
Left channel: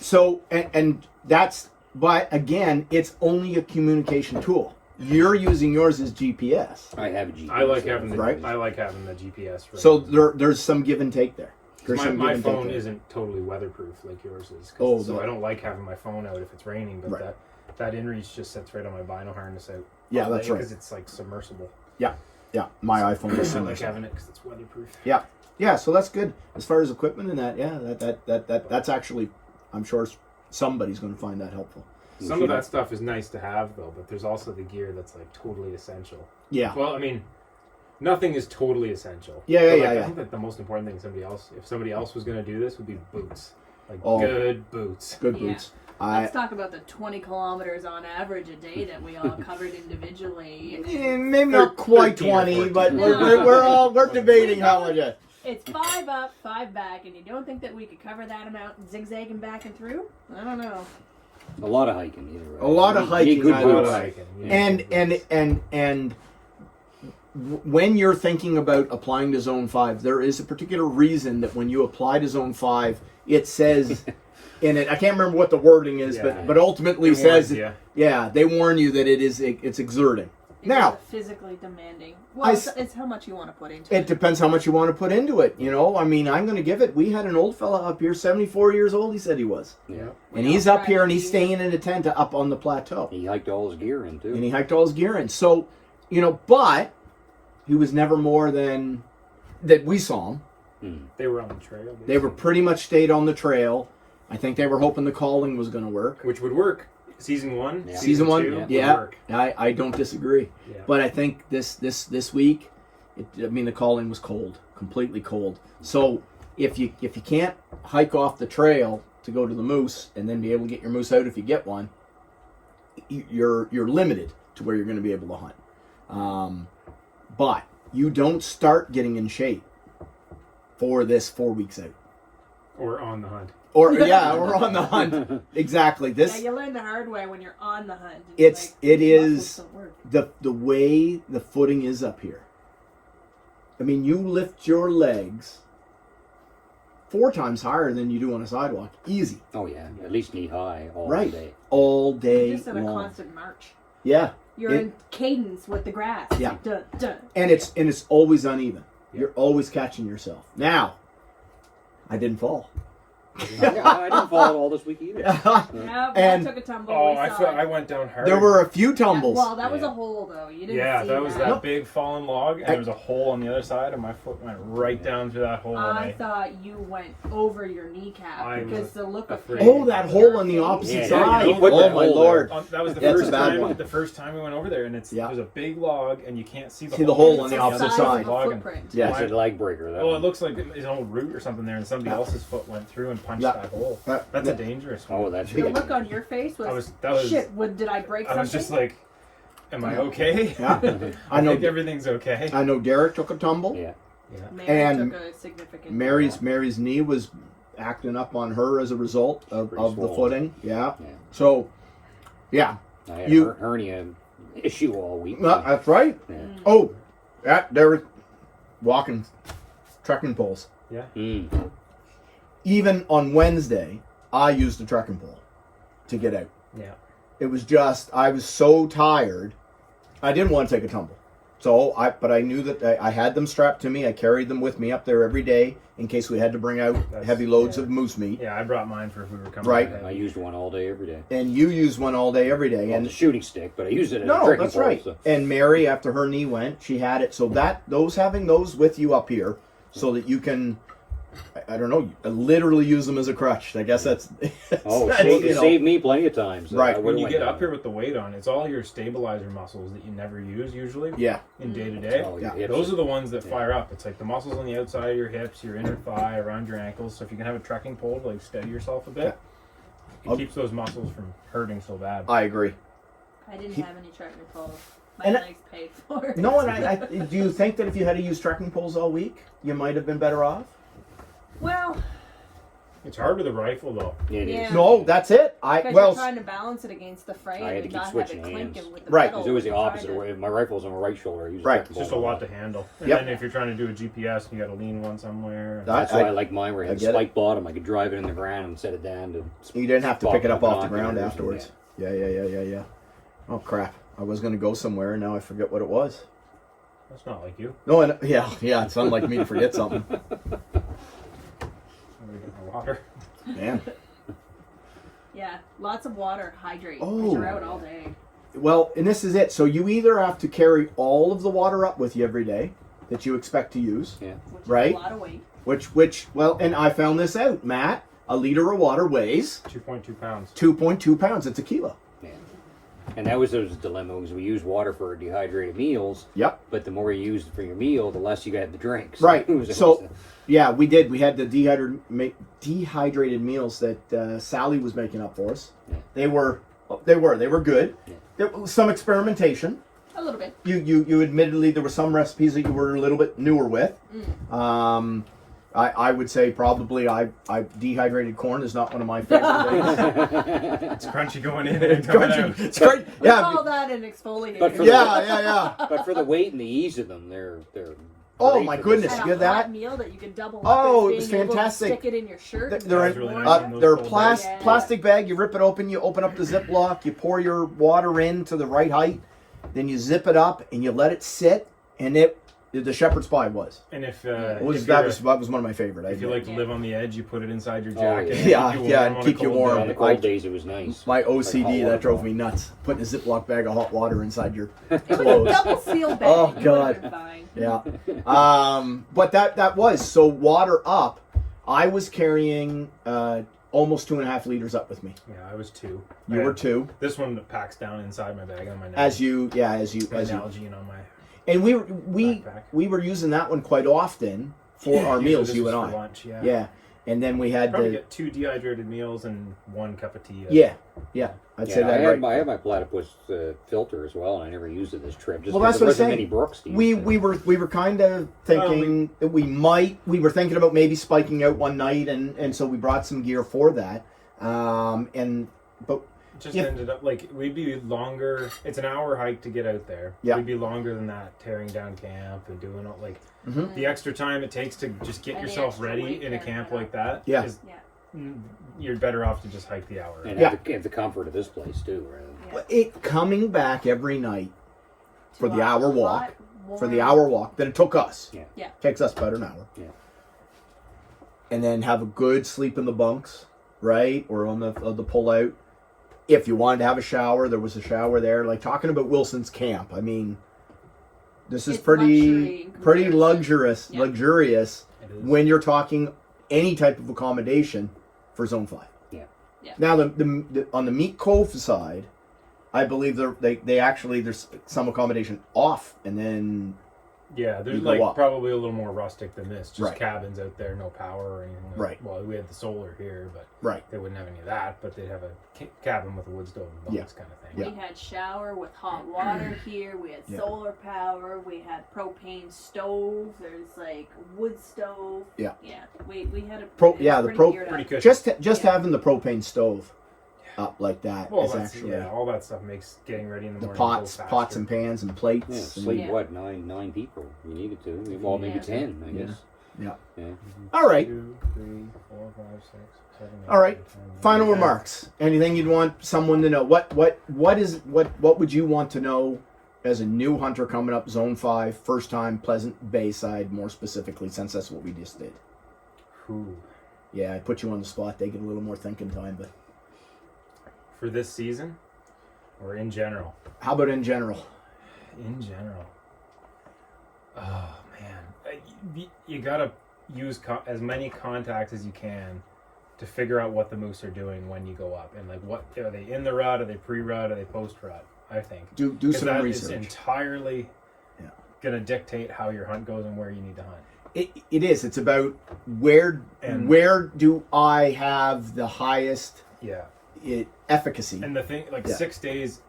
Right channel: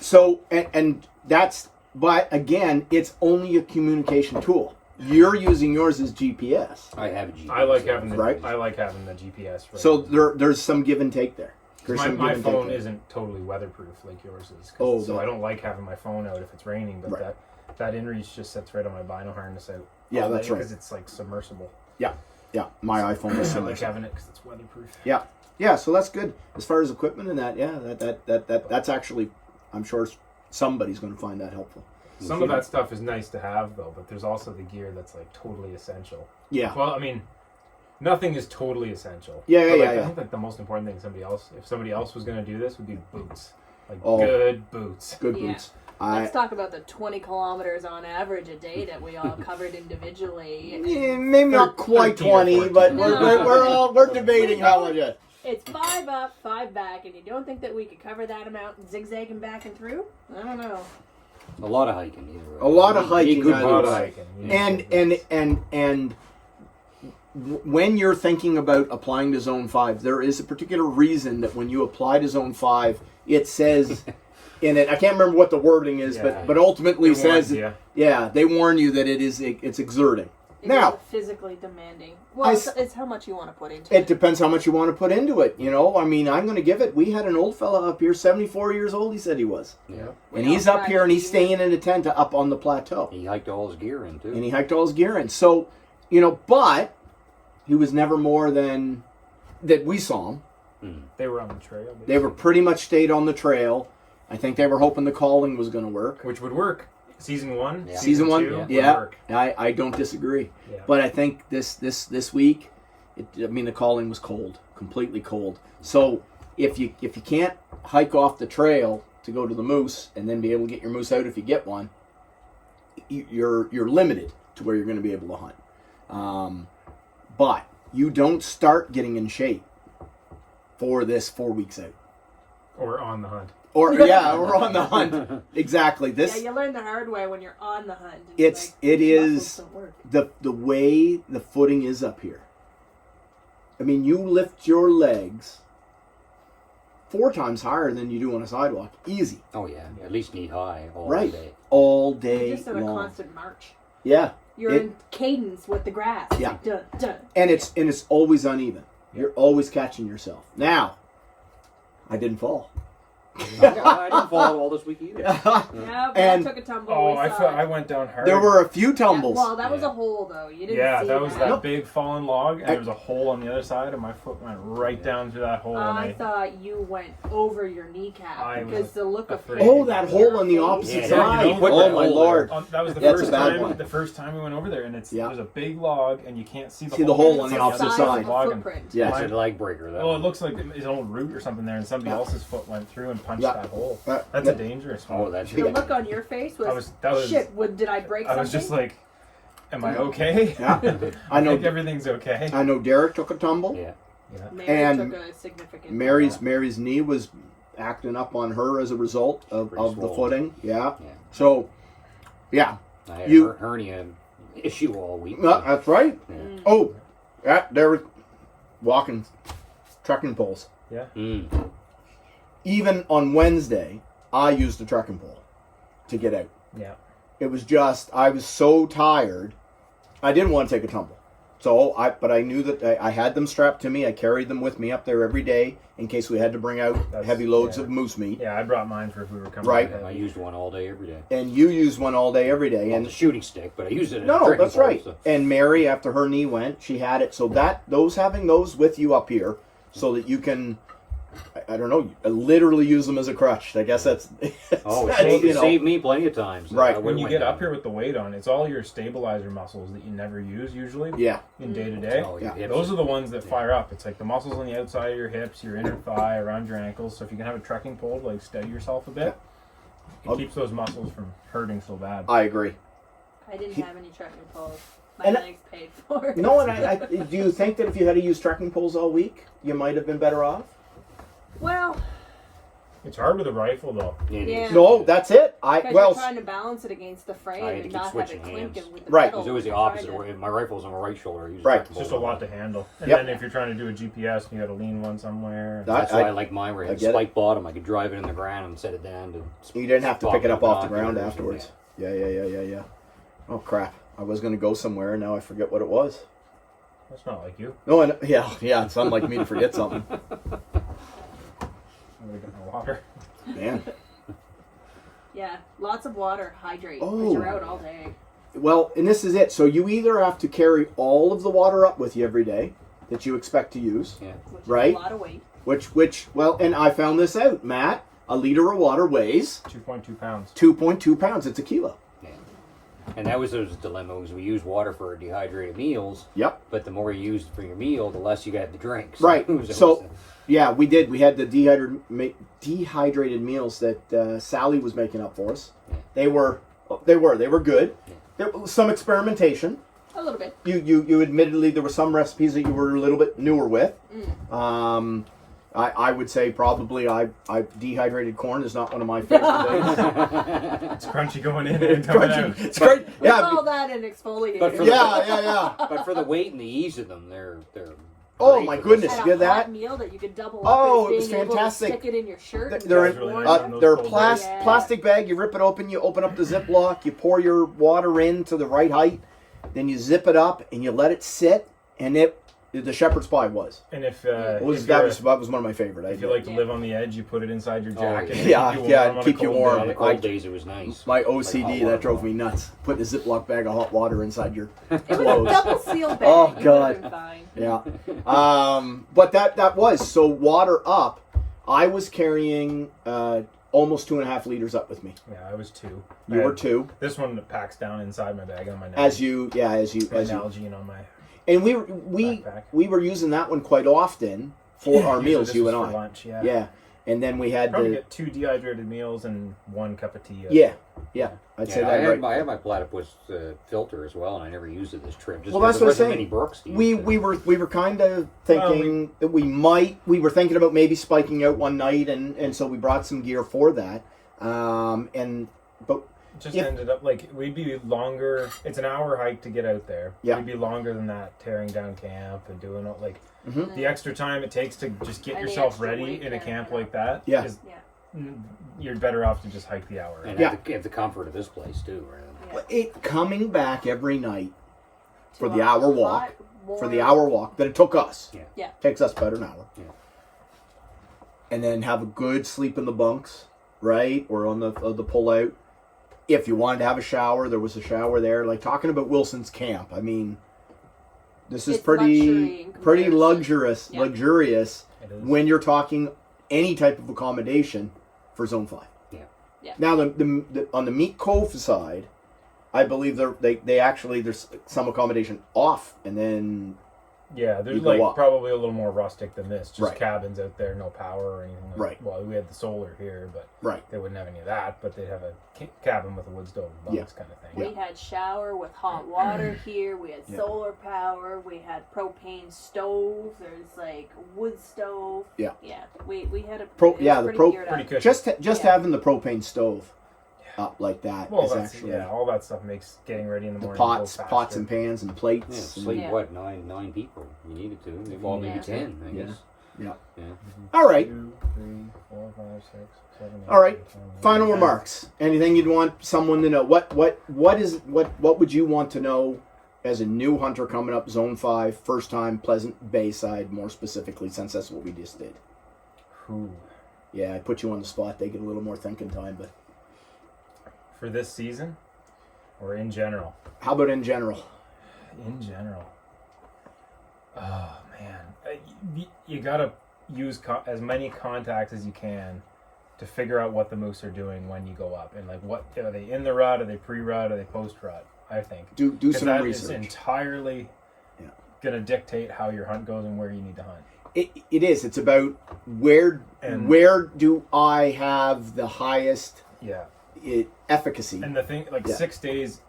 So, and that's, but again, it's only a communication tool. You're using yours as GPS. I have a GPS. I like having the Right. I like having the GPS. Right? So there's some give and take there. There's some my give and take phone there. isn't totally weatherproof like yours is. Oh, So the- I don't like having my phone out if it's raining, but Right. that inReach just sits right on my vinyl harness out. Yeah, that's right. Because it's like submersible. Yeah, my iPhone is I similar. like having it because it's weatherproof. Yeah, so that's good. As far as equipment and that, yeah, that's actually, I'm sure somebody's going to find that helpful. Some of that stuff is nice to have though, but there's also the gear that's like totally essential. Yeah. Well, I mean, nothing is totally essential. Yeah, But, like, yeah. I think like the most important thing if somebody else was going to do this, would be boots. Like Oh. good boots. Good Yeah. boots. Let's talk about the 20 kilometers on average a day that we all covered individually. Maybe not quite 13 or 20, 14. but No. we're debating how it is. It's 5 up, 5 back, and you don't think that we could cover that amount zigzagging back and through? I don't know. A lot of hiking either way. A lot of hiking, Good I A lot would of say. hiking, yeah. And when you're thinking about applying to Zone 5, there is a particular reason that when you apply to Zone 5, it says in it, I can't remember what the wording is, Yeah. but ultimately It warns says, you. yeah, they warn you that it's exerting. It Now, is physically demanding. Well, it's how much you want to put into it it. depends how much you want to put into it. You know, I mean, I'm going to give it. We had an old fella up here, 74 years old. He said he was, Yeah. and We he's all up here and he's tried to staying in a tent up on the plateau, He hiked all his gear in too. and he hiked all his gear in. So, you know, but he was never more than that. We saw him. They were on the trail. They were pretty much stayed on the trail. I think they were hoping the calling was going to work. Which would work. Season 1, Yeah. Season 1, two would yeah. work. I don't disagree. Yeah. But I think this week, the calling was cold, completely cold. So if you can't hike off the trail to go to the moose and then be able to get your moose out if you get one, you're limited to where you're going to be able to hunt. But you don't start getting in shape for this 4 weeks out, Or on the hunt. or on the hunt. Exactly. Yeah, you learn the hard way when you're on the hunt. and It your is muscles don't work. the way the footing is up here. I mean, you lift your legs 4 times higher than you do on a sidewalk. Easy. Oh yeah, at least knee high all Right. day. All day You're just in a long. constant march. Yeah. You're in cadence with the grass. It's Yeah. like, dun, dun. And it's always uneven. You're always catching yourself. Now, I didn't fall. Yeah, I didn't fall all this week either. Yeah, but And- I took a tumble. Oh, we I saw felt it. I went down hard. There were a few tumbles. Well, that was Yeah. a hole though. You didn't Yeah, see that was that Nope. big fallen log, and there was a hole on the other side, and my foot went right down through that hole. I and thought you went over your kneecap I because was the look of afraid. pain Oh, that on hole your on the face. opposite Yeah, side. you put Oh that my hole lord. that was the That's a first bad time. one. The first time we went over there, and Yeah. there's a big log, and you can't see the See the hole hole on the It's opposite size side. of a Log and- footprint. Yeah. That's a leg breaker. That Well, it one. looks like his own root or something there, and somebody Yeah. else's foot went through and punched Yeah. that hole. Yeah. That's a dangerous one. Oh, that's The big. look on your face was, that was shit. Did I break I something? was just like, am I okay? Yeah. I I know. think everything's okay. I know Derek took a tumble. Yeah. Mary and took a significant. Mary's knee was acting up on her as a result of Pretty the swollen. footing. Yeah. Yeah. So, yeah. I had You- a hernia issue all week. That's right. Yeah. Oh, there was walking trekking poles. Mm. Even on Wednesday, I used a trekking pole to get out. Yeah. It was just, I was so tired, I didn't want to take a tumble. So but I knew that I had them strapped to me. I carried them with me up there every day in case we had to bring out heavy loads of moose meat. Yeah, I brought mine for if we were coming. Right. Ahead. I used one all day, every day. And you use one all day, every day. And And the shooting stick, but I use it as a no, drinking that's pole, right. so- And Mary, after her knee went, she had it. So having those with you up here, so that you can, I don't know, literally use them as a crutch. I guess that's. Oh, it that's, saved me plenty of times. Right. I When you went get down. up here with the weight on, it's all your stabilizer muscles that you never use usually. Yeah. In day to day. Oh, your Yeah. hips. Those are the ones that fire up. It's like the muscles on the outside of your hips, your inner thigh, around your ankles. So if you can have a trekking pole to like steady yourself a bit, it keeps those muscles from hurting so bad. I agree. I didn't have any trekking poles. My And- legs paid for it. No, and I do you think that if you had to use trekking poles all week, you might have been better off? Well, It's hard with a rifle though. It is. Yeah. No, that's it. because you're trying to balance it against the frame I had to and keep not have switching it clinking hands. with the Right. metal. It's always the when you're opposite trying to- way. My rifle's on my right shoulder. I use Right. a It's trekking just a pole. lot to handle. And Yep. then if you're trying to do a GPS, you got to lean one somewhere. That's why I like mine where it I had get a it. spike bottom. I could drive it in the ground and set it down to. You didn't have to pop pick it up off the binoculars ground and- afterwards. Yeah. Oh crap! I was going to go somewhere, and now I forget what it was. That's not like you. No, yeah. It's unlike me to forget something. Water. Man. Yeah, lots of water, hydrate. Oh. Because you're out all day. Well, and this is it. So you either have to carry all of the water up with you every day that you expect to use, Yeah. Which Right. is a lot of weight. which well, and I found this out, Matt. A liter of water weighs 2.2 pounds. 2.2 pounds. It's a kilo. Yeah. And that was those dilemmas. We use water for dehydrated meals, Yep. but the more you use it for your meal, the less you got to drink. Right. it was- So, yeah, we did. We had the dehydrated meals that Sally was making up for us. Yeah. They were good. Yeah. There was some experimentation. A little bit. You admittedly there were some recipes that you were a little bit newer with. Mm. I would say probably I dehydrated corn is not one of my favorite things. It's crunchy going in and It's coming crunchy. out. It's great. We Yeah. call that an exfoliator. But for Yeah. but for the weight and the ease of them, they're. Oh, great my for goodness, this Had you a get hot that? meal that you could double Oh, up it as was being able to fantastic. stick it in your shirt. and They're That's really warm. nice. They're Those Yeah. plastic bag. You rip it open. You open up the Ziploc. You pour your water in to the right height. Then you zip it up and you let it sit. And the shepherd's pie was. And if It was if, that you're- was that was one of my favorite. if you like to live on the edge, you put it inside your Oh, jacket. yeah. and Yeah, on a keep you cold warm. day. On the cold days, it was nice. My OCD Like a hot water that drove bottle. me nuts. Putting a Ziploc bag of hot water inside your It was a clothes. double seal bag. Oh, You would've God. been fine. Yeah. But that was so water up. I was carrying almost 2.5 liters up with me. Yeah, I was 2. You were 2. This one packs down inside my bag on my neck. As you my Nalgene on my and we backpack. were using that one quite often for our meals. This You was and for I. lunch, yeah. Yeah. And then we had Probably the get 2 dehydrated meals and 1 cup of tea. yeah. I'd say Yeah, that I right. have my platypus filter as well, and I never used it this trip. Just Well, that's because what I'm there wasn't saying. many brooks to We use were kind of thinking that we were thinking about maybe spiking out one night, and so we brought some gear for that. But It just Yeah. ended up like we'd be longer. It's an hour hike to get out there. Yeah. We'd be longer than that tearing down camp and doing all like Mhm. the extra time it takes to just get And the yourself extra ready weight in a there, camp yeah. like that. Yeah. is- Yeah. You're better off to just hike the hour. and Yeah. have the comfort of this place too. Right? Yeah. it coming back every night for the hour Hot, walk, for the warm. hour walk that it took us. Yeah. Takes us about an hour. Yeah. And then have a good sleep in the bunks, right? Or on the pull out. If you wanted to have a shower, there was a shower there. Like talking about Wilson's camp. I mean, this is It's luxury pretty in comparison. luxurious Yeah. luxurious It is. when you're talking any type of accommodation for Zone 5. Yeah. Yeah. Now the on the Meat Cove side, I believe they actually there's some accommodation off, and then Yeah, there's You go like up. probably a little more rustic than this. Just Right. cabins out there, no power or anything. Like, Right. Well, we had the solar here, but right. they wouldn't have any of that. But they'd have a cabin with a wood stove and bunks kind of thing. We had shower with hot water here. We had Yeah. solar power. We had propane stove. There's like wood stove. Yeah. Yeah. We had a Pro- it was yeah, the pretty pro- geared Pretty up. good. Just Yeah. having the propane stove up like that Well, is that's, actually yeah, all that stuff makes getting ready in the the morning pots go pots faster. and pans and plates. Yeah, and- sleep Yeah. what nine people? You needed to. Well, maybe Yeah. 10, I Yeah. guess. Yeah. Yeah. All right. 2, 3, 4, 5, 6, 7, 8, All right. 9, 10, 11, Final 12. remarks. Anything you'd want someone to know? What would you want to know as a new hunter coming up Zone 5, first time Pleasant Bayside, more specifically, since that's what we just did? Who? Yeah, I put you on the spot. They get a little more thinking time, but For this season? Or in general? how about in general? In general. Oh, man. You gotta use as many contacts as you can to figure out what the moose are doing when you go up. And, like, what are they in the rut? Are they pre-rut? Are they post-rut? I think. Do some that research. is entirely going to dictate how your hunt goes and where you need to hunt. It is. It's about where do I have the highest efficacy. And the thing, like 6 days,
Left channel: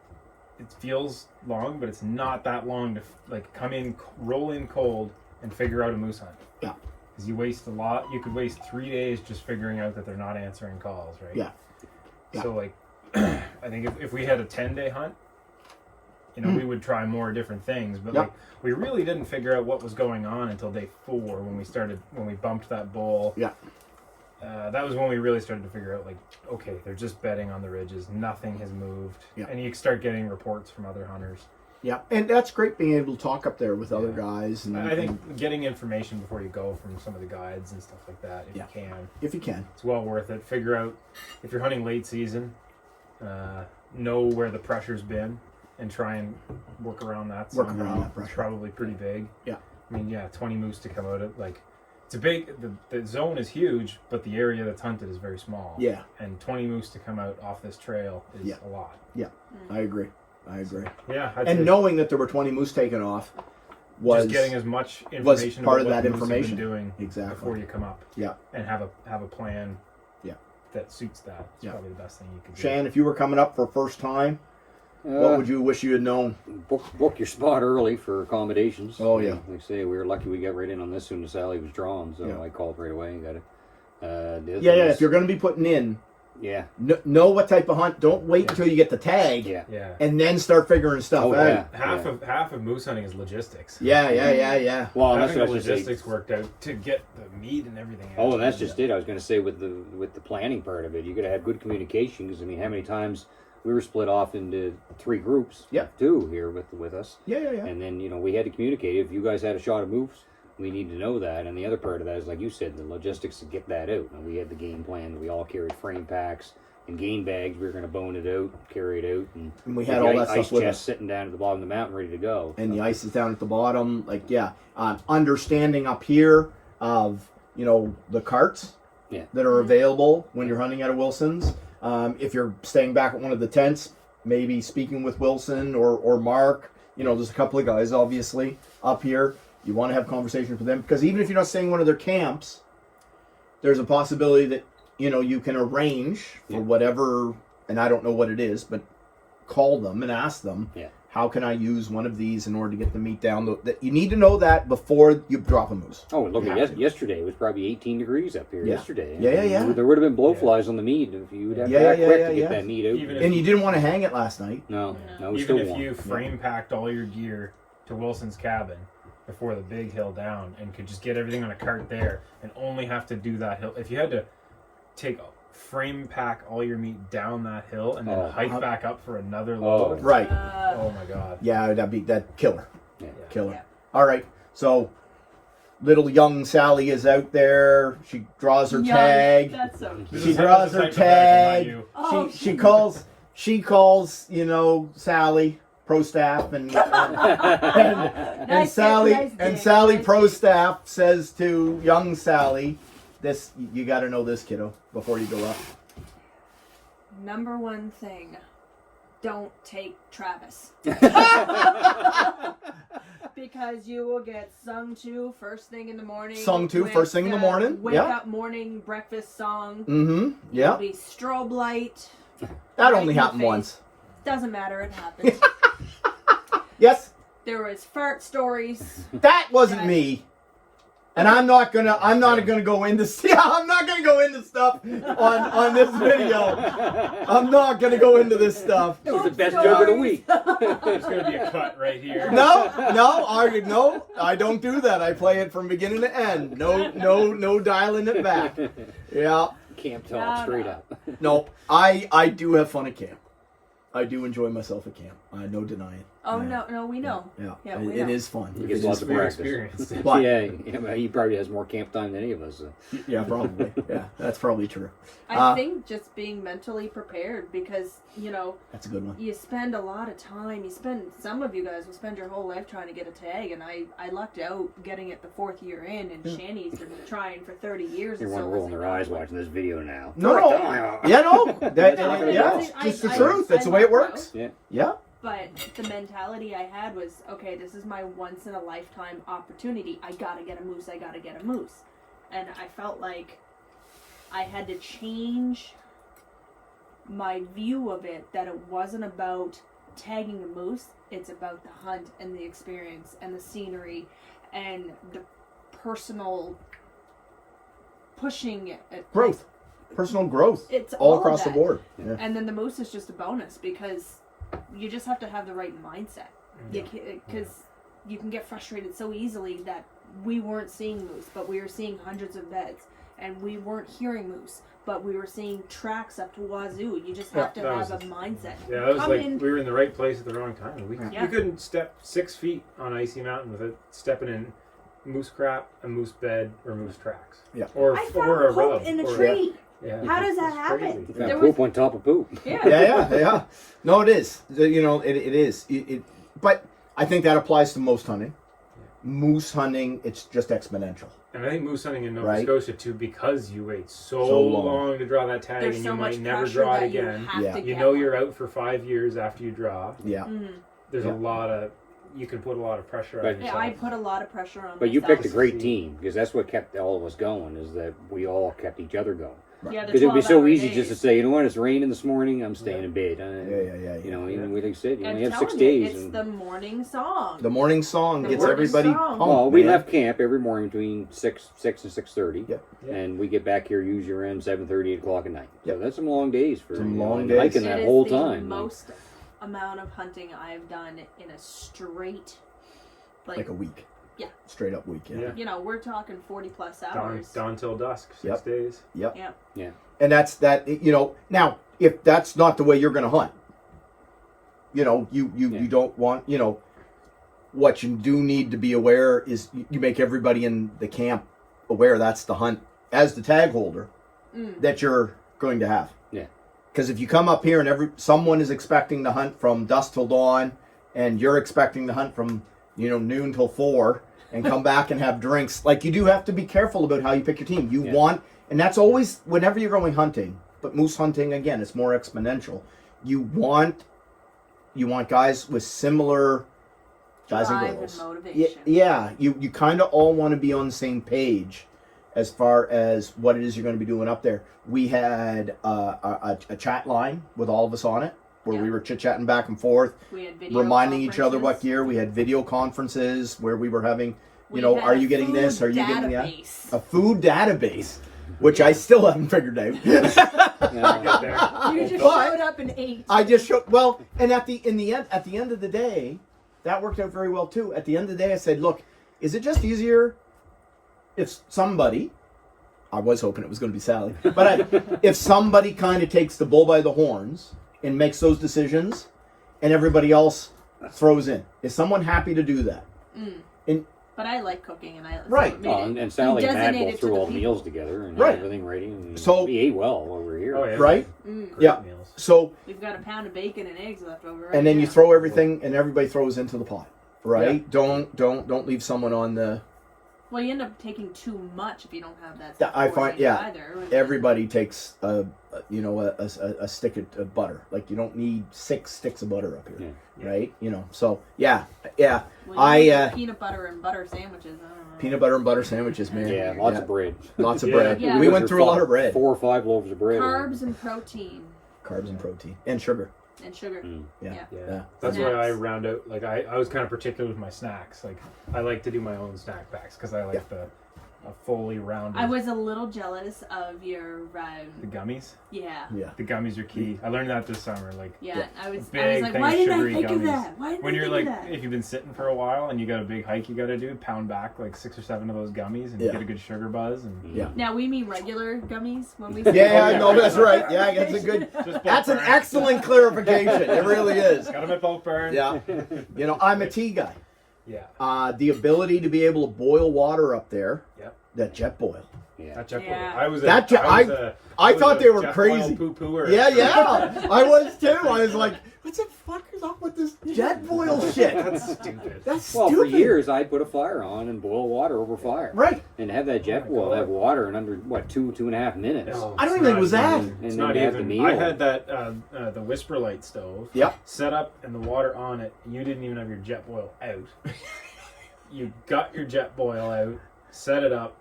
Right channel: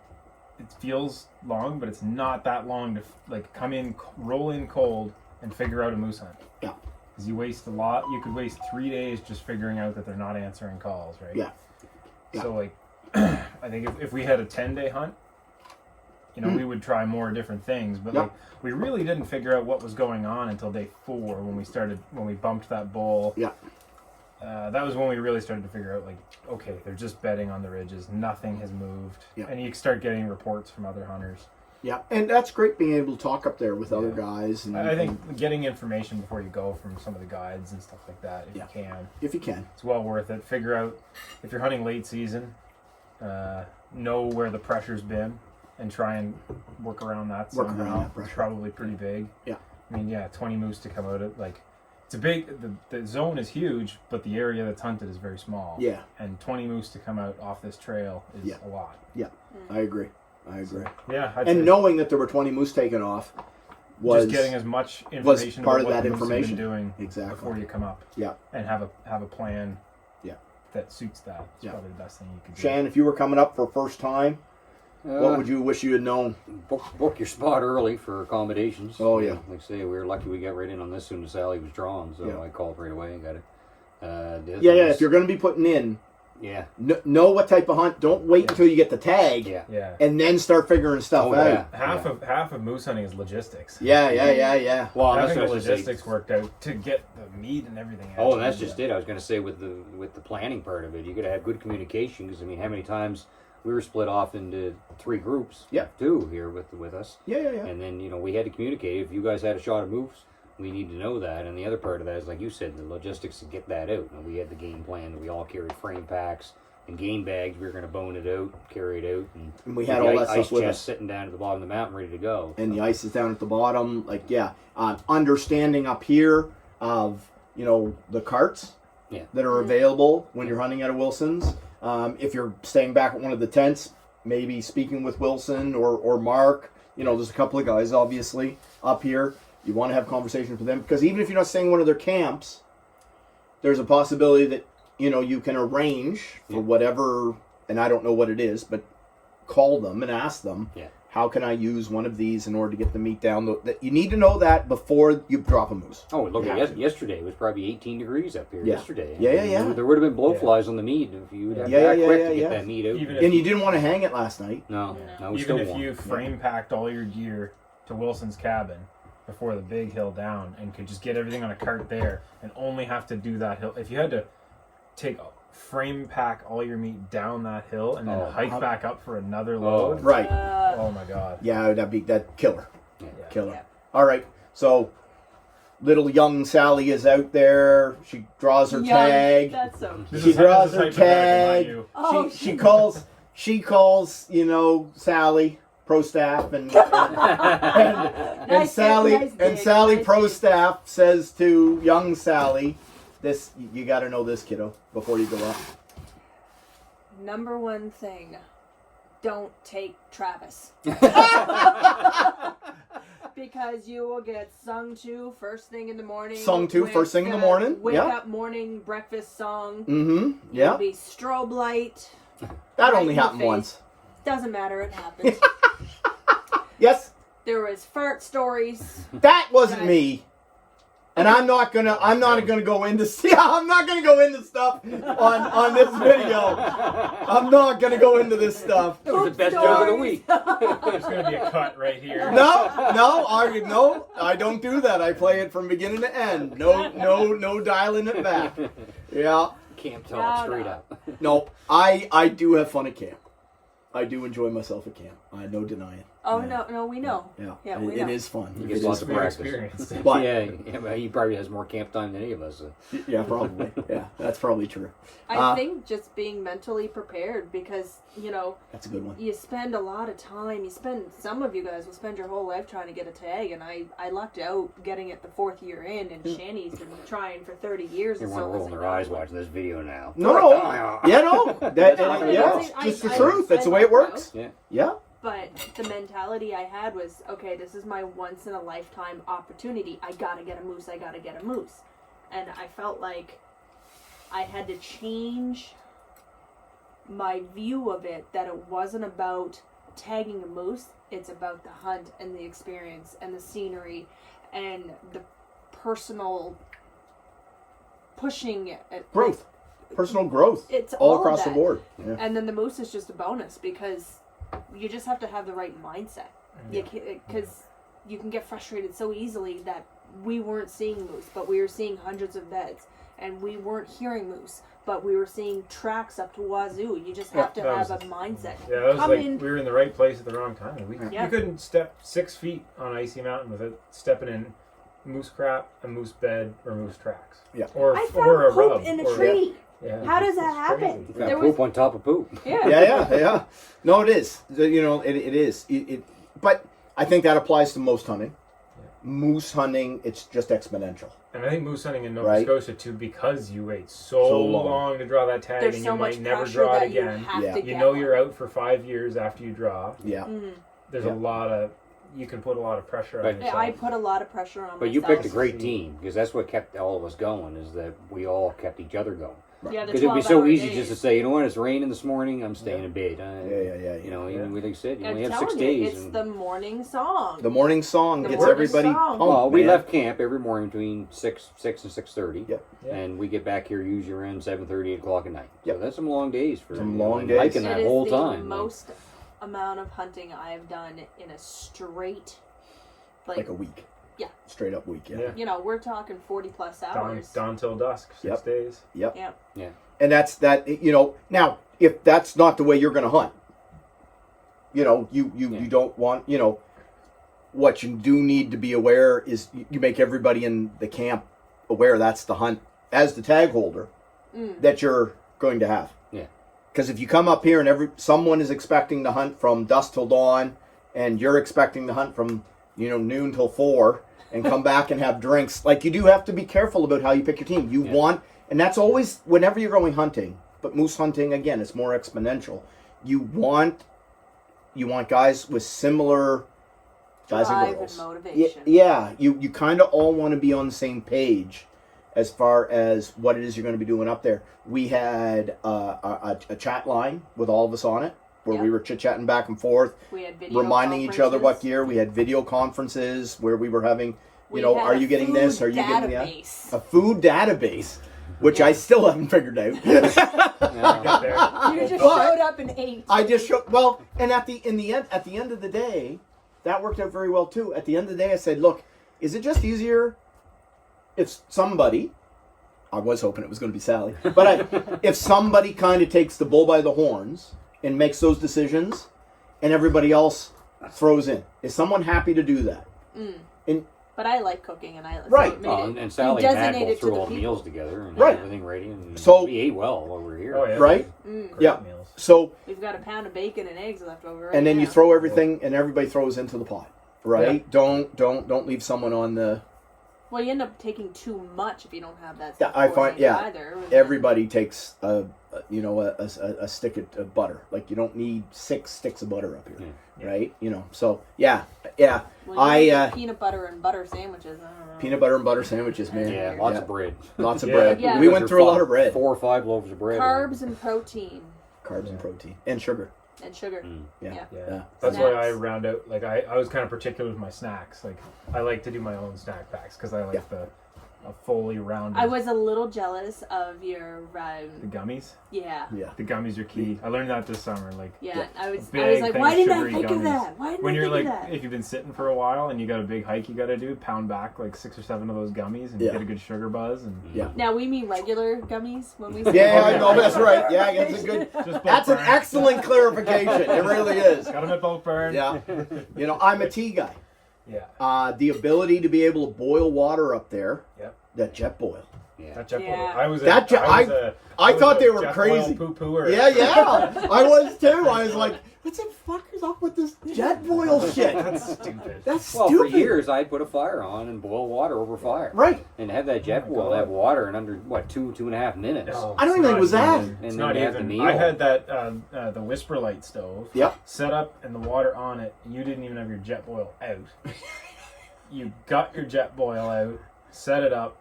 it feels long, but it's not that long to like come in, roll in cold, and figure out a moose hunt. Yeah. Because you waste a lot. You could waste 3 days just figuring out that they're not answering calls, right? Yeah. So like, I think if we had a 10-day hunt, you know, we would try more different things, but like we really didn't figure out what was going on until day 4 when we bumped that bull. Yeah. That was when we really started to figure out, like, okay, they're just bedding on the ridges. Nothing has moved. Yeah. And you start getting reports from other hunters. Yeah, and that's great being able to talk up there with other guys. And I think getting information before you go from some of the guides and stuff like that, if you can. If you can. It's well worth it. Figure out, if you're hunting late season, know where the pressure's been and try and work around that somehow. Work around that pressure. It's probably pretty big. Yeah. I mean, 20 moose to come out of, like, it's a big, the zone is huge, but the area that's hunted is very small. Yeah. And 20 moose to come out off this trail is a lot. Yeah, I agree. Yeah. And knowing that there were 20 moose taken off was just getting as much information part about of what that the moose have information. been doing Exactly. before you come up. Yeah. And have a plan. Yeah. That suits that. It's probably the best thing you could do. Shan, if you were coming up for first time, what would you wish you had known? Book your spot early for accommodations. Oh, yeah. Like I say, we were lucky we got right in on this soon as Sally was drawn, so I called right away and got it. If you're going to be putting in, know what type of hunt. Don't wait until you get the tag, and then start figuring stuff out. Half of moose hunting is logistics. Yeah. Well, having that's the what I logistics worked out to get the meat and everything. Oh, and that's just it. I was going to say with the planning part of it, you got to have good communication. Because I mean, how many times we were split off into 3 groups, 2 here with us. Yeah. And then we had to communicate. If you guys had a shot of moose, we need to know that. And the other part of that is, like you said, the logistics to get that out. And we had the game plan. We all carried frame packs and game bags. We were going to bone it out, carry it out, and we had all that ice stuff with chest us. sitting down at the bottom of the mountain, ready to go. And the ice is down at the bottom. Understanding up here of the carts that are available when you're hunting out of Wilson's. If you're staying back at one of the tents, maybe speaking with Wilson or Mark. There's a couple of guys obviously up here. You want to have conversations with them, because even if you're not staying in one of their camps, there's a possibility that you can arrange for whatever, and I don't know what it is, but call them and ask them, how can I use one of these in order to get the meat down? You need to know that before you drop a moose. Oh, look at yesterday. It was probably 18 degrees up here yesterday. Yeah. There would have been blowflies on the meat if you would have to act quick to get that meat out. And you didn't want to hang it last night. No, we Even still if you frame packed all your gear to Wilson's cabin before the big hill down and could just get everything on a cart there and only have to do that hill. If you had to frame pack all your meat down that hill and then hike back up for another load. Right. Oh my god. Yeah, that'd be that killer. Yeah. Killer. All right. So little young Sally is out there. She draws her tag. That's so This She is draws the her type of bag I want tag. you. She calls Sally pro staff and Sally pro staff says to young Sally, "This you got to know this, kiddo, before you go up." Number one thing, don't take Travis. Because you will get sung to first thing in the morning. First thing in the morning. Wake up morning breakfast song. Mm-hmm. Yeah. It'll be strobe light. That right only in the happened face. once. Doesn't matter, it happened. Yes. There was fart stories. That wasn't me. And I'm not gonna go into I'm not gonna go into stuff on this video. I'm not gonna go into this stuff. That was the best joke of the week. There's gonna be a cut right here. No, I don't do that. I play it from beginning to end. No dialing it back. Yeah. Camp talk straight up. No, I do have fun at camp. I do enjoy myself at camp. No denying. Oh Yeah. no, we know. Yeah, Yeah, it, we it know. is fun. He It gets is lots of fun. practice. Experience. But- yeah, but he probably has more camp time than any of us. Yeah, probably. Yeah, that's probably true. I think just being mentally prepared, because That's a good one. you spend a lot of time. Some of you guys will spend your whole life trying to get a tag, and I lucked out getting it the 4th year in, and Shani's been trying for 30 years. Everyone rolling their eyes watching this video now. No, that, That's not gonna yeah, go. it's the I- truth. That's I the way it lucked works. out. Yeah. But the mentality I had was, okay, this is my once in a lifetime opportunity. I gotta get a moose. I gotta get a moose. And I felt like I had to change my view of it, that it wasn't about tagging a moose. It's about the hunt and the experience and the scenery and the personal pushing it. Growth. Personal growth. It's all all across the that. board. Yeah. And then the moose is just a bonus, because you just have to have the right mindset. Because you can get frustrated so easily that we weren't seeing moose, but we were seeing hundreds of beds, and we weren't hearing moose, but we were seeing tracks up to wazoo. You just have to that have was- a mindset. Yeah, that was Come like in- we were in the right place at the wrong time. We Yeah. couldn't step 6 feet on icy mountain without stepping in moose crap, a moose bed, or moose tracks. Yeah. Or I or found a poop rub. in a or- tree. Yeah. How does that It's happen? crazy. Got There poop was- on top of poop. Yeah. Yeah. No, it is. It is. But I think that applies to most hunting. Moose hunting, it's just exponential. And I think moose hunting in Nova Right. Scotia too, because you wait so, So long. long to draw that tag, There's and so you much might never pressure draw it that you again. have Yeah. to You get know you're one. out for 5 years after you draw. Yeah. There's Yeah. a lot of you can put a lot of pressure on But- yourself. Yeah, I put a lot of pressure on But you myself. picked a great team, because that's what kept all of us going, is that we all kept each other going. Yeah, the Because it'd be so 12-hour easy days. just to say, you know what, it's raining this morning, I'm staying in bed. Yeah. You know, even like you said, you I'm only have telling 6 you, days. it's and- the morning song. The morning song The gets morning everybody song. pumped, Well, we man. left camp every morning between 6 and 6:30, Yeah. and we get back here usually around 7:30, 8 o'clock at night. Yep. So that's some long days for Some you know, long and days. hiking It that is whole the time. most amount of hunting I've done in a straight, like a week. Yeah. Straight up week. Yeah. Yeah. we're talking 40 plus dawn, hours. dawn till dusk, 6 Yep. days. Yep. Yeah. And that's that. Now if that's not the way you're going to hunt, you don't want. What you do need to be aware is you make everybody in the camp aware that's the hunt as the tag holder that you're going to have. Yeah. Because if you come up here and someone is expecting to hunt from dusk till dawn, and you're expecting to hunt from noon till 4 and come back and have drinks, like, you do have to be careful about how you pick your team. You Yeah. want, and that's always whenever you're going hunting. But moose hunting, again, it's more exponential. You want guys with similar guys Drive and girls. and motivation. Yeah, you kind of all want to be on the same page as far as what it is you're going to be doing up there. We had a chat line with all of us on it, where we were chit-chatting back and forth, We had video reminding each other what conferences. gear. We had video conferences where we were having, We had are a you getting this? food Are you getting that? database. A food database, which I still haven't figured out. Yeah. You just But- showed up and ate. I just showed, well, and at the end of the day, that worked out very well too. At the end of the day, I said, look, is it just easier if somebody, I was hoping it was going to be Sally, but if somebody kind of takes the bull by the horns and makes those decisions, and everybody else throws in? Is someone happy to do that? But I like cooking, and I Right. So it made Well, it- and Sally you and Matt designate both it to threw the all the people. meals together and Right. had everything ready. And So- we ate well while we were here. Oh, yeah. Right? Great Yeah. meals. So, We've got a pound of bacon and eggs left over right and then now. you throw everything, and everybody throws into the pot, right? Don't leave someone on the. Well, you end up taking too much if you don't have that Yeah, stuff I find coordinated either. And then- everybody takes a stick of butter. Like, you don't need 6 sticks of butter up here, right? So yeah. Well, you I make peanut butter and butter sandwiches. I don't know. peanut butter and butter sandwiches, man. Yeah, lots of bread. Lots of Yeah. bread. Yeah. We went through a lot of bread, 4 or 5 loaves of bread. Carbs and protein carbs and protein and sugar. and sugar. Yeah. Yeah. Yeah. That's why I Snacks. round out. Like I was kind of particular with my snacks. Like I like to do my own snack packs because I like a fully rounded. I was a little jealous of your, The gummies. yeah. Yeah. The gummies are key. I learned that this summer. Like, Yeah, I was big, like, big why didn't I sugary think of gummies. that? Why didn't when I you're think like, of that? if you've been sitting for a while and you got a big hike you got to do, pound back like 6 or 7 of those gummies and you Yeah. get a good sugar buzz. And Yeah. Now we mean regular gummies when we say Yeah, no, that's right. Yeah, that's a good. Just That's an bulk burn. excellent clarification. It really is. Got them at bulk burn. Yeah. You know, I'm a tea guy. Yeah. The ability to be able to boil water up there. Yep. That jet boil. Yeah. That jet Yeah. boil. I was a, That jet- I was a- I was thought a they were jet crazy. boil poo-pooer. Yeah. I was too. I was like, what the fuck is up with this jet boil shit? That's stupid. That's Well, stupid. for years I'd put a fire on and boil water over fire. Right. And have that jet boil have water in under, what, 2.5 minutes. No, I don't it's even think not it was even- that. And It's then not you have the even. meal. I had that the Whisper Light stove. Yep. Set up and the water on it. You didn't even have your jet boil out. You got your jet boil out, set it up,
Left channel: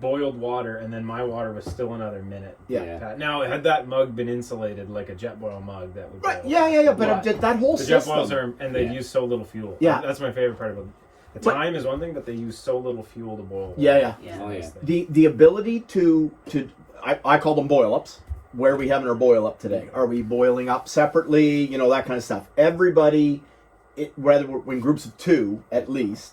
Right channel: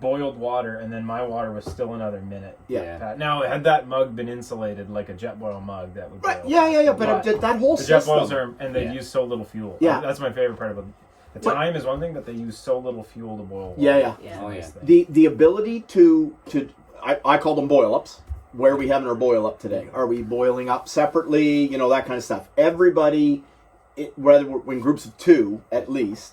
boiled water, and then my water was still another minute. Yeah. Now, had that mug been insulated like a jet boil mug, that would. Right. boil Yeah. fast. But that whole the jet system. boils are, and they Yeah. use so little fuel. Yeah. That's my favorite part of them. The What- time is one thing, but they use so little fuel to boil water. Yeah. Yeah. Oh, yeah. The ability to I call them boil ups. Where are we having our boil up today? Are we boiling up separately? You know, that kind of stuff. Everybody, whether we're in groups of 2 at least,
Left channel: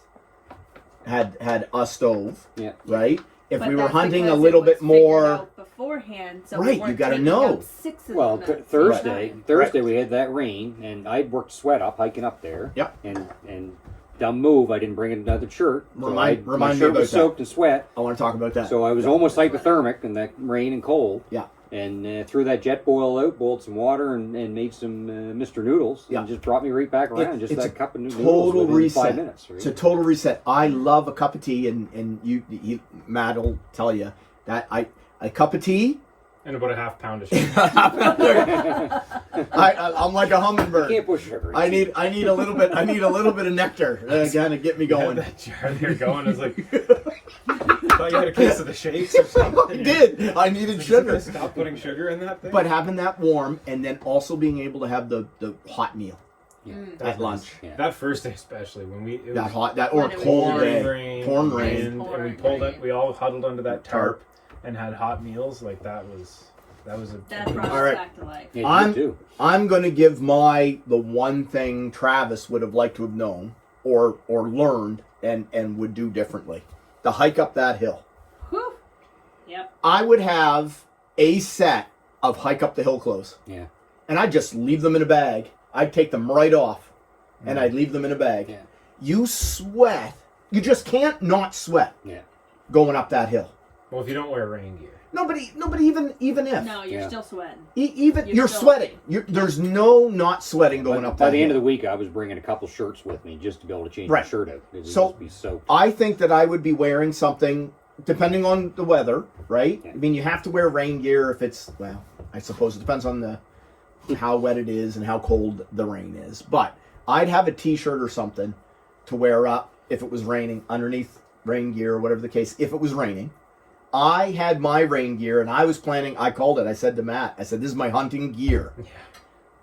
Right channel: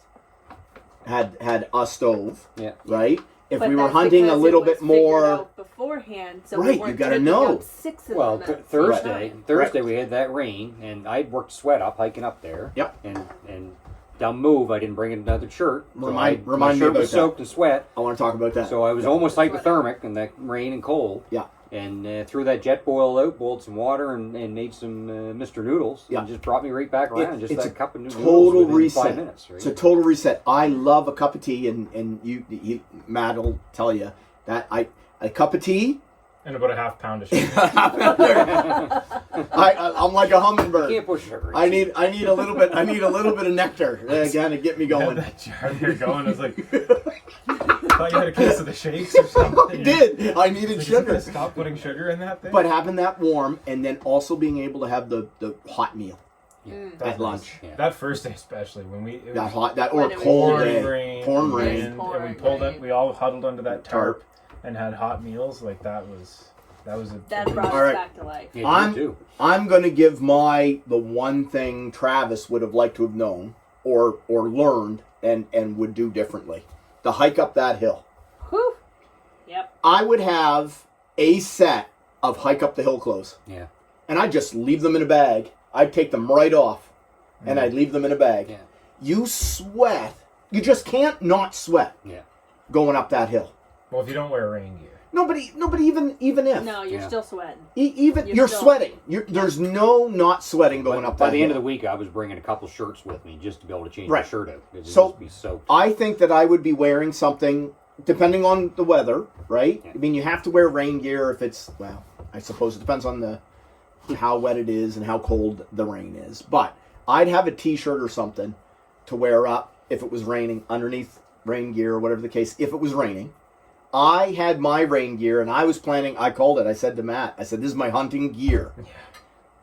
had a stove. Yeah. Right. If But we were that's hunting a because little it was bit more. figured out beforehand, so Right, we you weren't gotta taking know. up 6 of Well, them at the same Thursday time. we had that rain, and I'd worked sweat up hiking up there. Yep. And dumb move, I didn't bring another shirt. So Remind my me shirt about was that. soaked in sweat, I want to talk about that. so I was almost hypothermic in that rain and cold. Yeah. And threw that jet boil out, boiled some water, and made some Mr. Noodles, Yeah. and just brought me right back around. Just it's that a cup of noodles total within reset. 5 minutes. Right? It's a total reset. I love a cup of tea, and Matt will tell you that a cup of tea. And about a half pound of sugar. I'm like a hummingbird. Can't push sugar. I need a little bit. I need a little bit of nectar again to get me You had going. that jar there going. It's like, thought you had a case of the shakes or I something. did. I needed Like, sugar. Stop putting sugar in that thing. But having that warm, and then also being able to have the hot meal That at was- lunch. Yeah. That first day especially when we it That was hot, that When or it was cold pouring day, rain, pouring rain. and we Pouring pulled rain. it. We all huddled under that Tarp. tarp and had hot meals. Like that was a That brought us All right. back to life. Yeah, I'm- you too. I'm going to give the one thing Travis would have liked to have known or learned and would do differently. The hike up that hill. Whew. Yep. I would have a set of hike up the hill clothes. Yeah. And I'd just leave them in a bag. I'd take them right off and I'd leave them in a bag. Yeah. You sweat. You just can't not sweat Yeah. going up that hill. well if you don't wear rain gear. Nobody even if. No, you're Yeah. still sweating. Even You're you're still- sweating. There's no not sweating going up By that the end of hill. the week, I was bringing a couple shirts with me just to be able to change Right. my shirt out. Because it So- would just be soaked. I think that I would be wearing something, depending on the weather, right? Yeah. I mean, you have to wear rain gear if it's, well, I suppose it depends on how wet it is and how cold the rain is. But I'd have a t-shirt or something to wear up if it was raining, underneath rain gear or whatever the case, if it was raining. I had my rain gear and I was planning, I called it, I said to Matt, I said, this is my hunting gear. Yeah.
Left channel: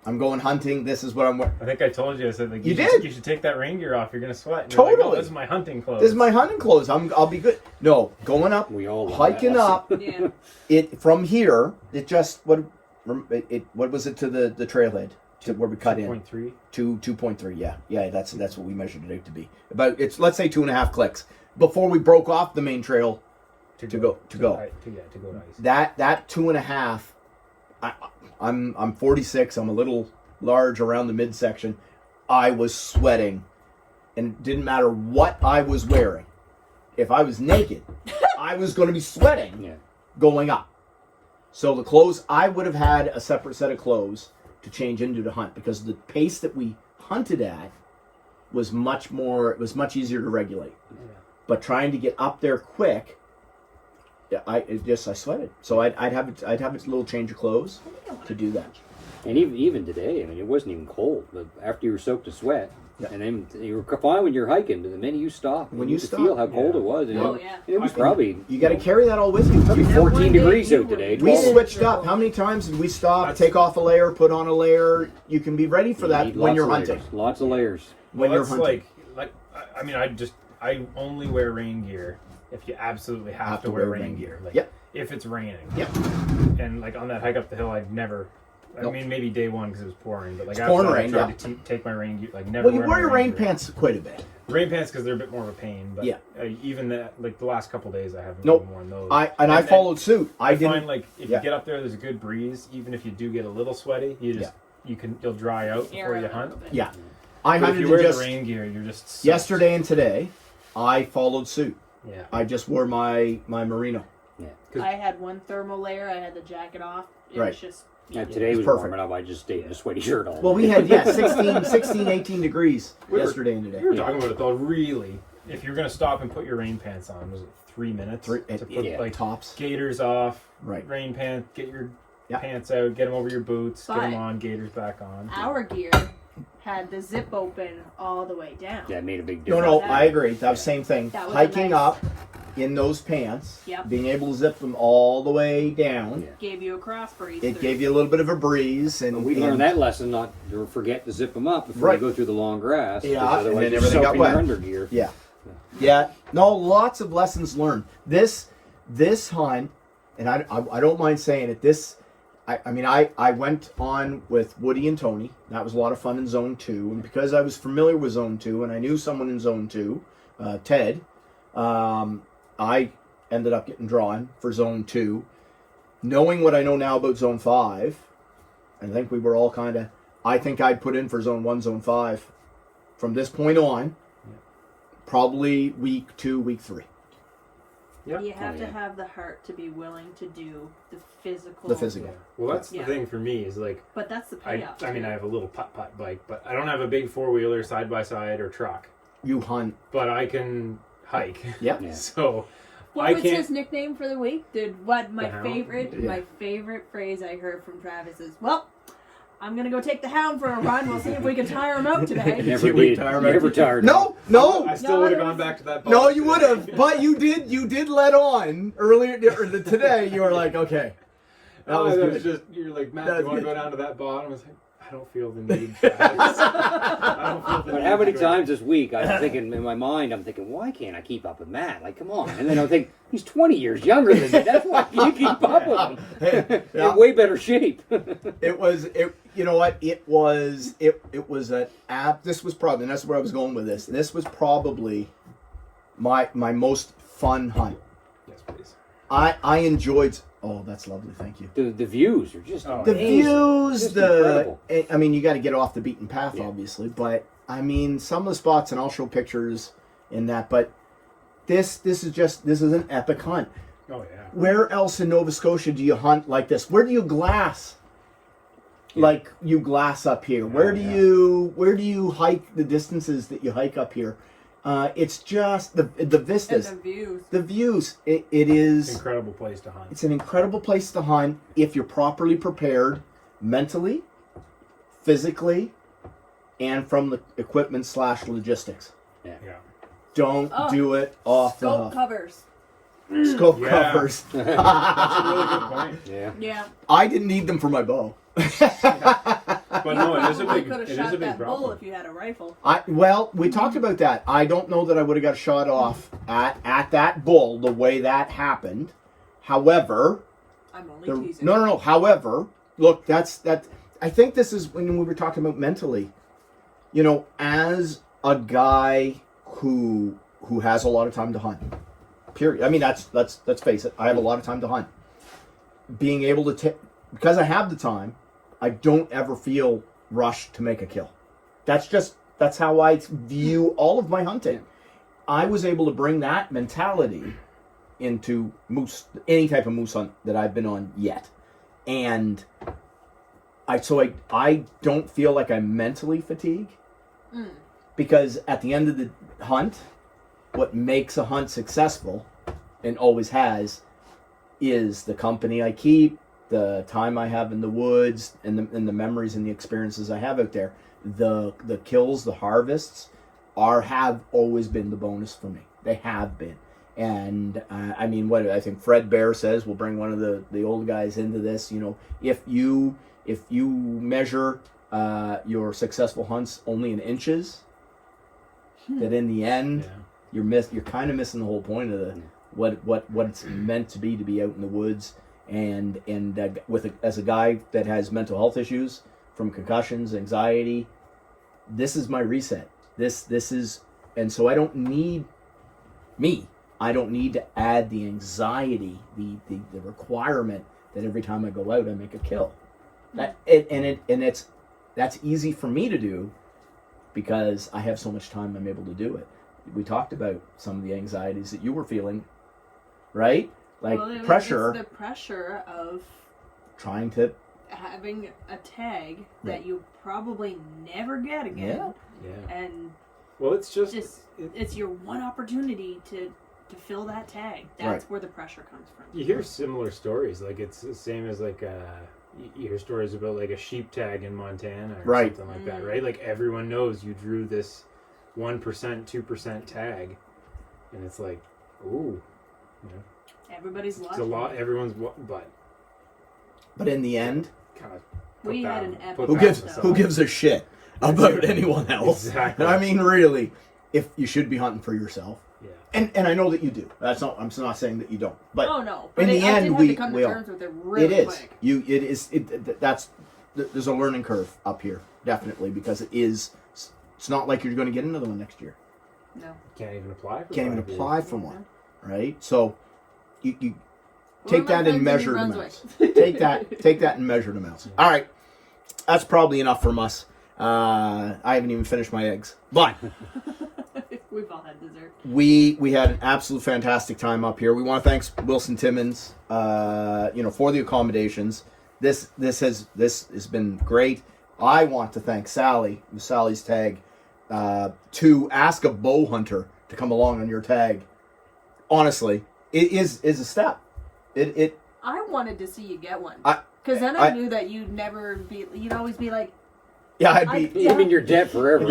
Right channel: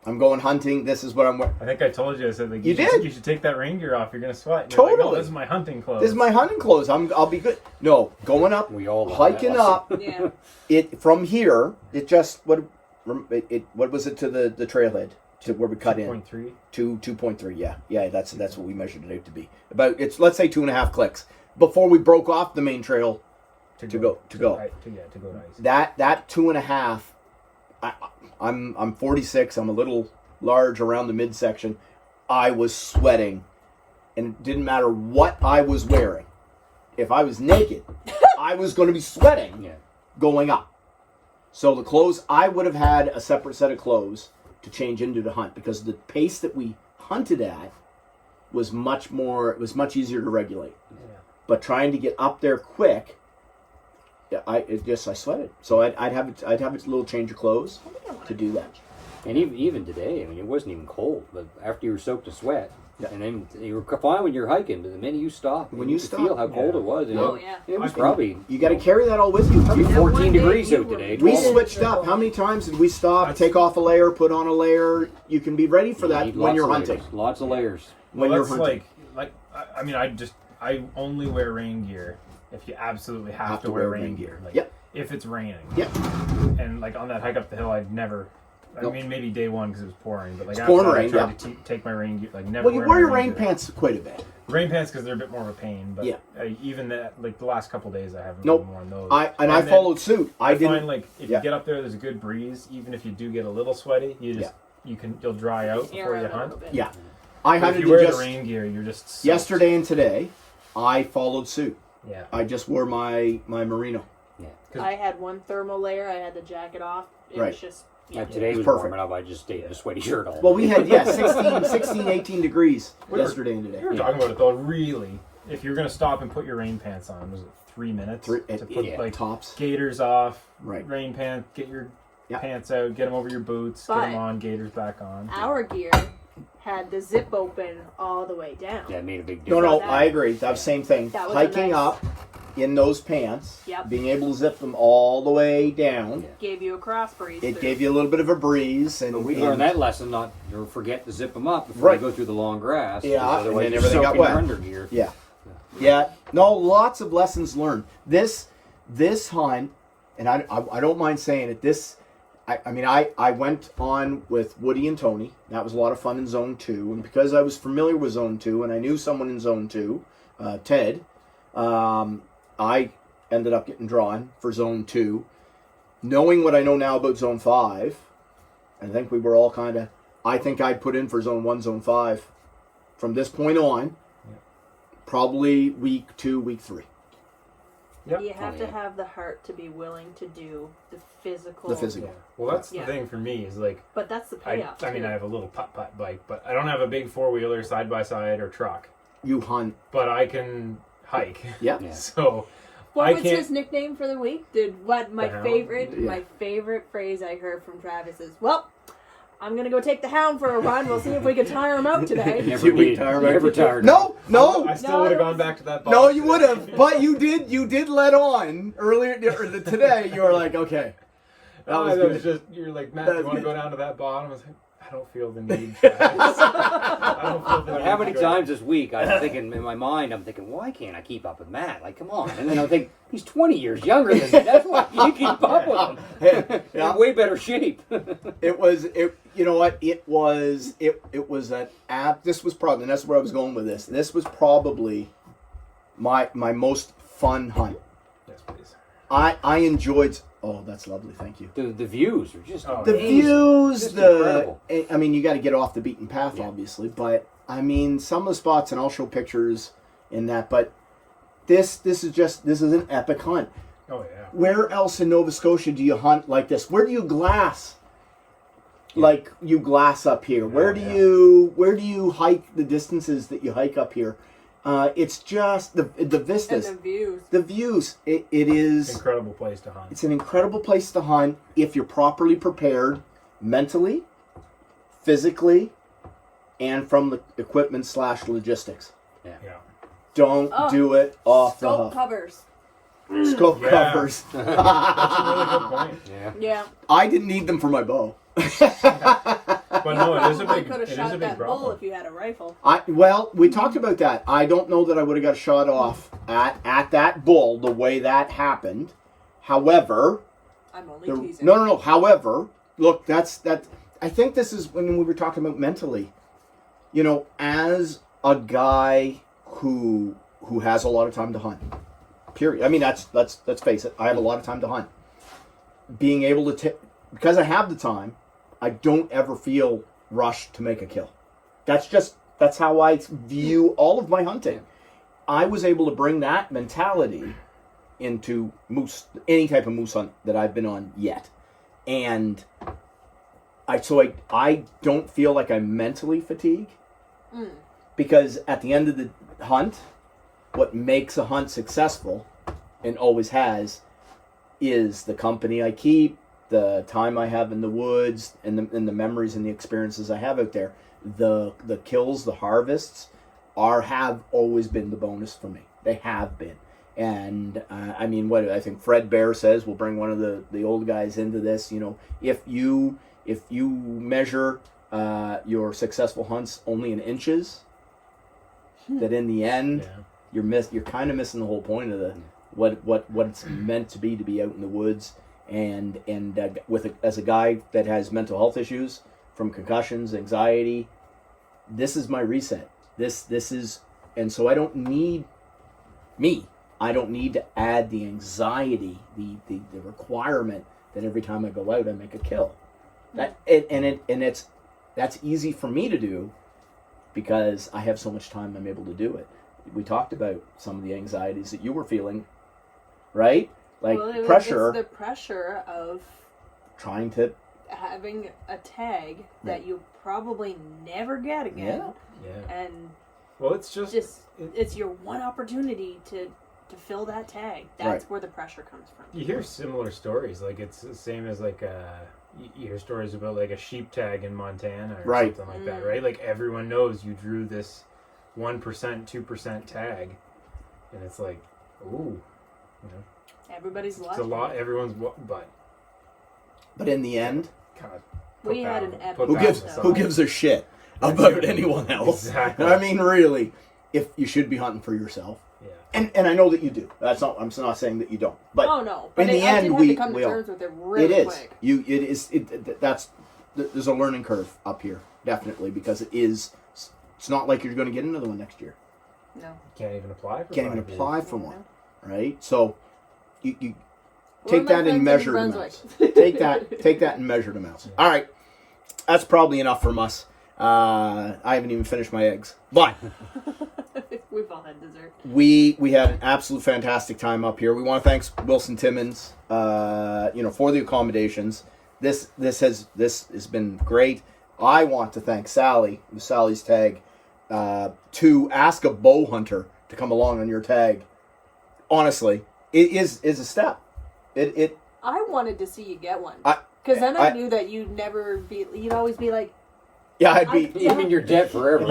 I'm going hunting, this is what I'm wearing. I think I told you. I said like You should- did? You should take that rain gear off. You're gonna sweat. And you're like, Totally. oh, this is my hunting clothes. This is my hunting clothes. I'll be good. No, going up, We all learned hiking that up. Yeah. It from here. It just what was it to the trailhead to where we cut in 2.3. 2.3. Yeah. That's what we measured it out to be. About it's let's say 2.5 clicks before we broke off the main trail. To go. To go nice. That 2.5. I'm 46. I'm a little large around the midsection. I was sweating, and it didn't matter what I was wearing. If I was naked, I was going to be sweating. Yeah. Going up. So the clothes, I would have had a separate set of clothes to change into to hunt because the pace that we hunted at was much easier to regulate. Yeah. But trying to get up there quick, I sweated. So I'd have a little change of clothes to do that. And even today, I mean, it wasn't even cold, but after you were soaked in sweat, Yeah. and then you were fine when you're hiking, but the minute you stop, When you you could stop, feel how cold it was. And Oh, it, yeah. it was probably You got to carry that all with you. probably That 14 one day degrees you out were today. We really 12. switched up. How many times did we stop, take off a layer, put on a layer? You can be ready for You that need when lots you're of hunting. layers, lots of layers. When Well, you're that's hunting. I mean, I only wear rain gear if you absolutely have to wear rain gear. Like, Yep. if it's raining. Yep. And like on that hike up the hill, I'd never. I Nope. mean, maybe day one because it was pouring, but like It's after pouring that, rain, I tried yeah. to take my rain gear. Like never. Well, you wear wear my your rain gear. pants quite a bit. Rain pants because they're a bit more of a pain. But Yeah. Even that, like the last couple days, I haven't Nope. really worn those. I then followed suit. I didn't. find like if Yeah. you get up there, there's a good breeze. Even if you do get a little sweaty, you'll dry out before you hunt. Yeah. I But had if it you wear just the rain gear, you're just soaked. yesterday and today. I followed suit. Yeah. I just wore my merino. I had one thermal layer. I had the jacket off. It Right. was just Today was perfect. warm enough. I just stayed in a sweaty shirt all Well, we day. had 16, 18 degrees We were- yesterday and today. We were talking about it though. Really, if you're gonna stop and put your rain pants on, was it 3 minutes to put yeah. like Tops. gaiters off, Right. rain pants, get your Yeah. pants out, get them over your boots, get But- them on, gaiters back on. our gear had the zip open all the way down. Yeah, it made a big No, difference. no, I agree. That was the same thing. That was a Hiking nice- up in those pants, Yep. being able to zip them all the way down. Yeah. Gave you a cross breeze. It gave you a little bit of a breeze, and But we learned that lesson not to forget to zip them up before Right. you go through the long grass. Yeah, 'cause otherwise and you're everything got soaking wet. your undergear. Yeah, yeah. No, lots of lessons learned. This hunt, and I don't mind saying it. I went on with Woody and Tony. That was a lot of fun in Zone 2, and because I was familiar with Zone 2 and I knew someone in Zone 2, Ted, I ended up getting drawn for Zone 2. Knowing what I know now about Zone 5, I think we were all kind of, I think I'd put in for Zone 1, Zone 5 from this point on, probably week 2, week 3. Yep. You have Oh, to yeah. have the heart to be willing to do the physical. The physical. Well, that's Yeah. the thing for me is like But that's the payoff. I mean, too. I have a little putt bike, but I don't have a big 4-wheeler side by side or truck, You hunt. but I can hike. Yeah. Yeah. So What I was can't- his nickname for the week? My The Hound? favorite phrase I heard from Travis is, "Well, I'm gonna go take the hound for a run. We'll see if we can tire him out today." Never Did we did. tire Never back? tired. No. I still No, would it have gone was- back to that. No, bike you today. would have, but you did let on earlier today. You were like, okay, that was good. just you're like, Matt, That you was want to good. go down to that bottom? I was like, I don't feel the need. Travis. I don't feel the But need how to many go times this week I'm thinking in my mind, why can't I keep up with Matt? Like, come on. And then I think, he's 20 years younger than me. That's why you keep up with him. Yeah. In way better shape. It was. You know what? It was an app. This was probably, and that's where I was going with this. This was probably my most fun hunt. Yes, please. I enjoyed. Oh, that's lovely. Thank you. The views are just Oh, The amazing. views, Just incredible. I mean, you got to get off the beaten path, Yeah. obviously. But I mean, some of the spots, and I'll show pictures in that. But this is an epic hunt. Oh yeah. Where else in Nova Scotia do you hunt like this? Where do you glass? Like you glass up here. Where do you hike the distances that you hike up here? It's just the And vistas, the views. the views. It is. Incredible place to hunt. It's an incredible place to hunt if you're properly prepared mentally, physically, and from the equipment / logistics. Yeah. Don't Oh, do it off the Scope hoof. covers. Scope Yeah. covers. That's a really good point. Yeah. Yeah. I didn't need them for my bow. But no, it is a Probably big, could have it is shot a big that bull problem. if you had a rifle. Well, we talked about that. I don't know that I would have got a shot off at that bull the way that happened. However, I'm only teasing. no. However, look, that. I think this is when we were talking about mentally. You know, as a guy who has a lot of time to hunt. Period. I mean, let's face it. I have a lot of time to hunt. Being able to because I have the time, I don't ever feel rushed to make a kill. That's how I view all of my hunting. I was able to bring that mentality into any type of moose hunt that I've been on yet. And I don't feel like I'm mentally fatigued. Because at the end of the hunt, what makes a hunt successful, and always has, is the company I keep, the time I have in the woods, and the memories and the experiences I have out there. The kills, the harvests, have always been the bonus for me. They have been. And I mean, what I think Fred Bear says, we'll bring one of the old guys into this. You know, if you measure your successful hunts only in inches, that in the end you're kind of missing the whole point of what it's meant to be out in the woods, and as a guy that has mental health issues from concussions, anxiety, this is my reset. This is, and so I don't need to add the anxiety, the requirement that every time I go out I make a kill. That's easy for me to do because I have so much time I'm able to do it. We talked about some of the anxieties that you were feeling, right? Like pressure. It's the pressure of trying to having a tag that you probably never get again. Yeah. And well, it's just it's your one opportunity to fill that tag. That's where the pressure comes from. You hear similar stories, like it's the same as like you hear stories about like a sheep tag in Montana or something like that, right? Like everyone knows you drew this 1%, 2% tag, and it's like, ooh, you know, everybody's it's a lot. Everyone's but in the end, kind of we had an epic. Who gives a shit about anyone else? Exactly. I mean, really, if you should be hunting for yourself. Yeah. And I know that you do. I'm not saying that you don't. But oh no. But in the end, have to come to terms with it really quick. There's a learning curve up here, definitely, because it's not like you're going to get another one next year. No. Can't even apply for one, right? So you take that in measured amounts. Take that in measured amounts. Yeah. All right, that's probably enough from us. I haven't even finished my eggs, but we've all had dessert. We had an absolute fantastic time up here. We want to thank Wilson Timmons, for the accommodations. This has been great. I want to thank Sally, Sally's tag, to ask a bow hunter to come along on your tag. Honestly, it is a step. I wanted to see you get one because then I knew that you'd always be like, yeah, I'd be. You mean you're dead forever?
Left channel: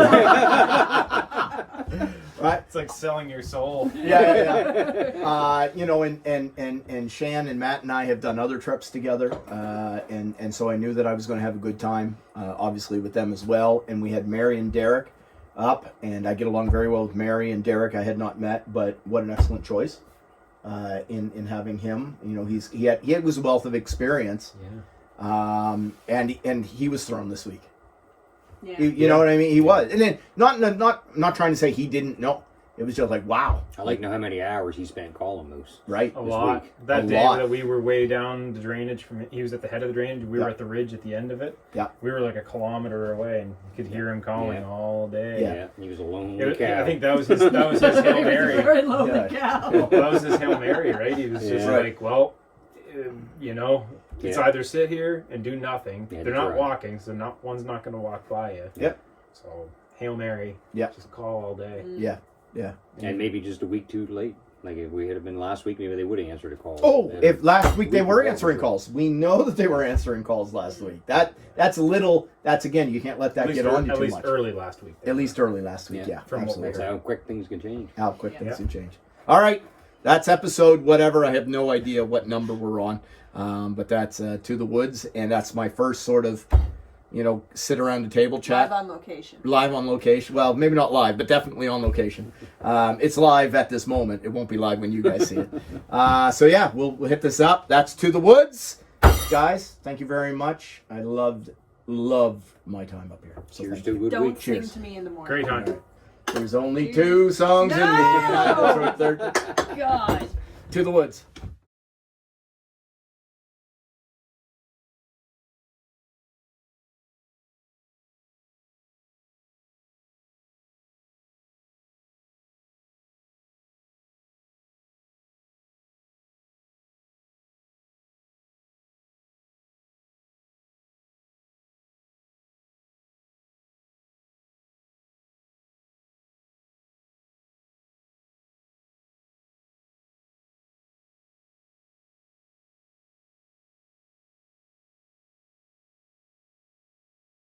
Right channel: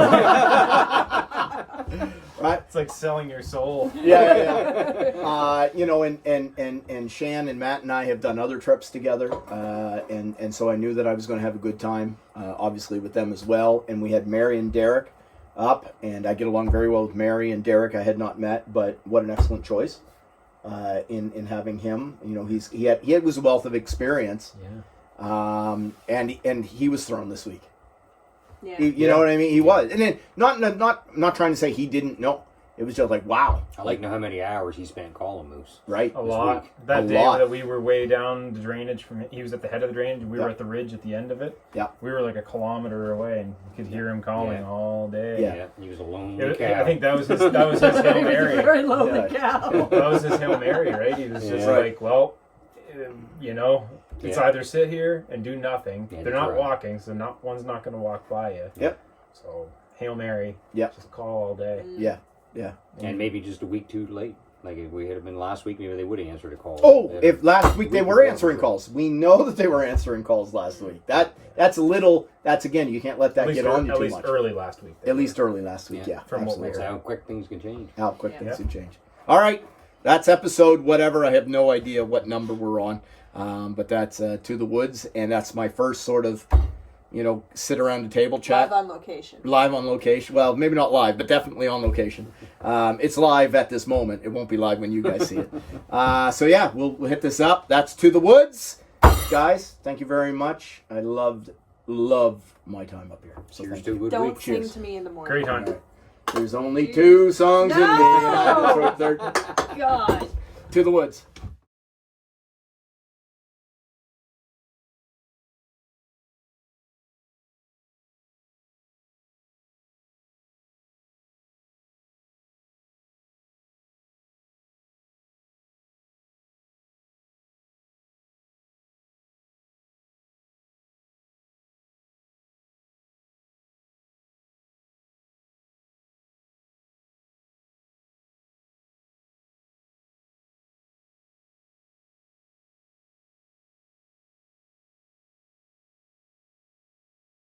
Right? It's like selling your soul. Yeah. And Shan and Matt and I have done other trips together, and so I knew that I was going to have a good time, obviously with them as well. And we had Mary and Derek up, and I get along very well with Mary and Derek. I had not met, but what an excellent choice in having him. You know, he was a wealth of experience, and he was thrown this week. Yeah. You know what I mean? He was, and then not trying to say he didn't know. It was just like, wow. I like to know how many hours he spent calling moose. Right. A lot. Week. That day that we were way down the drainage he was at the head of the drainage. We were at the ridge at the end of it. Yeah. We were like a kilometer away, and you could hear him calling all day. Yeah. He was a lonely cow. I think that was his Hail Mary. Very lonely cow. Well, that was his Hail Mary, right? He was just like, well, it's either sit here and do nothing. They're not walking, so one's not going to walk by you. Yep. So Hail Mary. Yep. Just call all day. Yeah. And maybe just a week too late. Like if we had been last week, maybe they would have answered a call. Oh, if last week they were answering calls. We know that they were answering calls last week. That's again, you can't let that get on you too much. At least early last week. At least early last week, yeah. From what we That's heard. how quick things can change. How quick things can change. All right. That's episode whatever. I have no idea what number we're on. But that's To the Woods, and that's my first sort of, sit around the table chat. Live on location. Well, maybe not live, but definitely on location. It's live at this moment. It won't be live when you guys see it. So yeah, we'll hit this up. That's To the Woods. Guys, thank you very much. I loved my time up here. So Cheers to a good Don't week. sing Cheers. to me in the morning. Great hunt. There's only 2 songs in the God. To the Woods.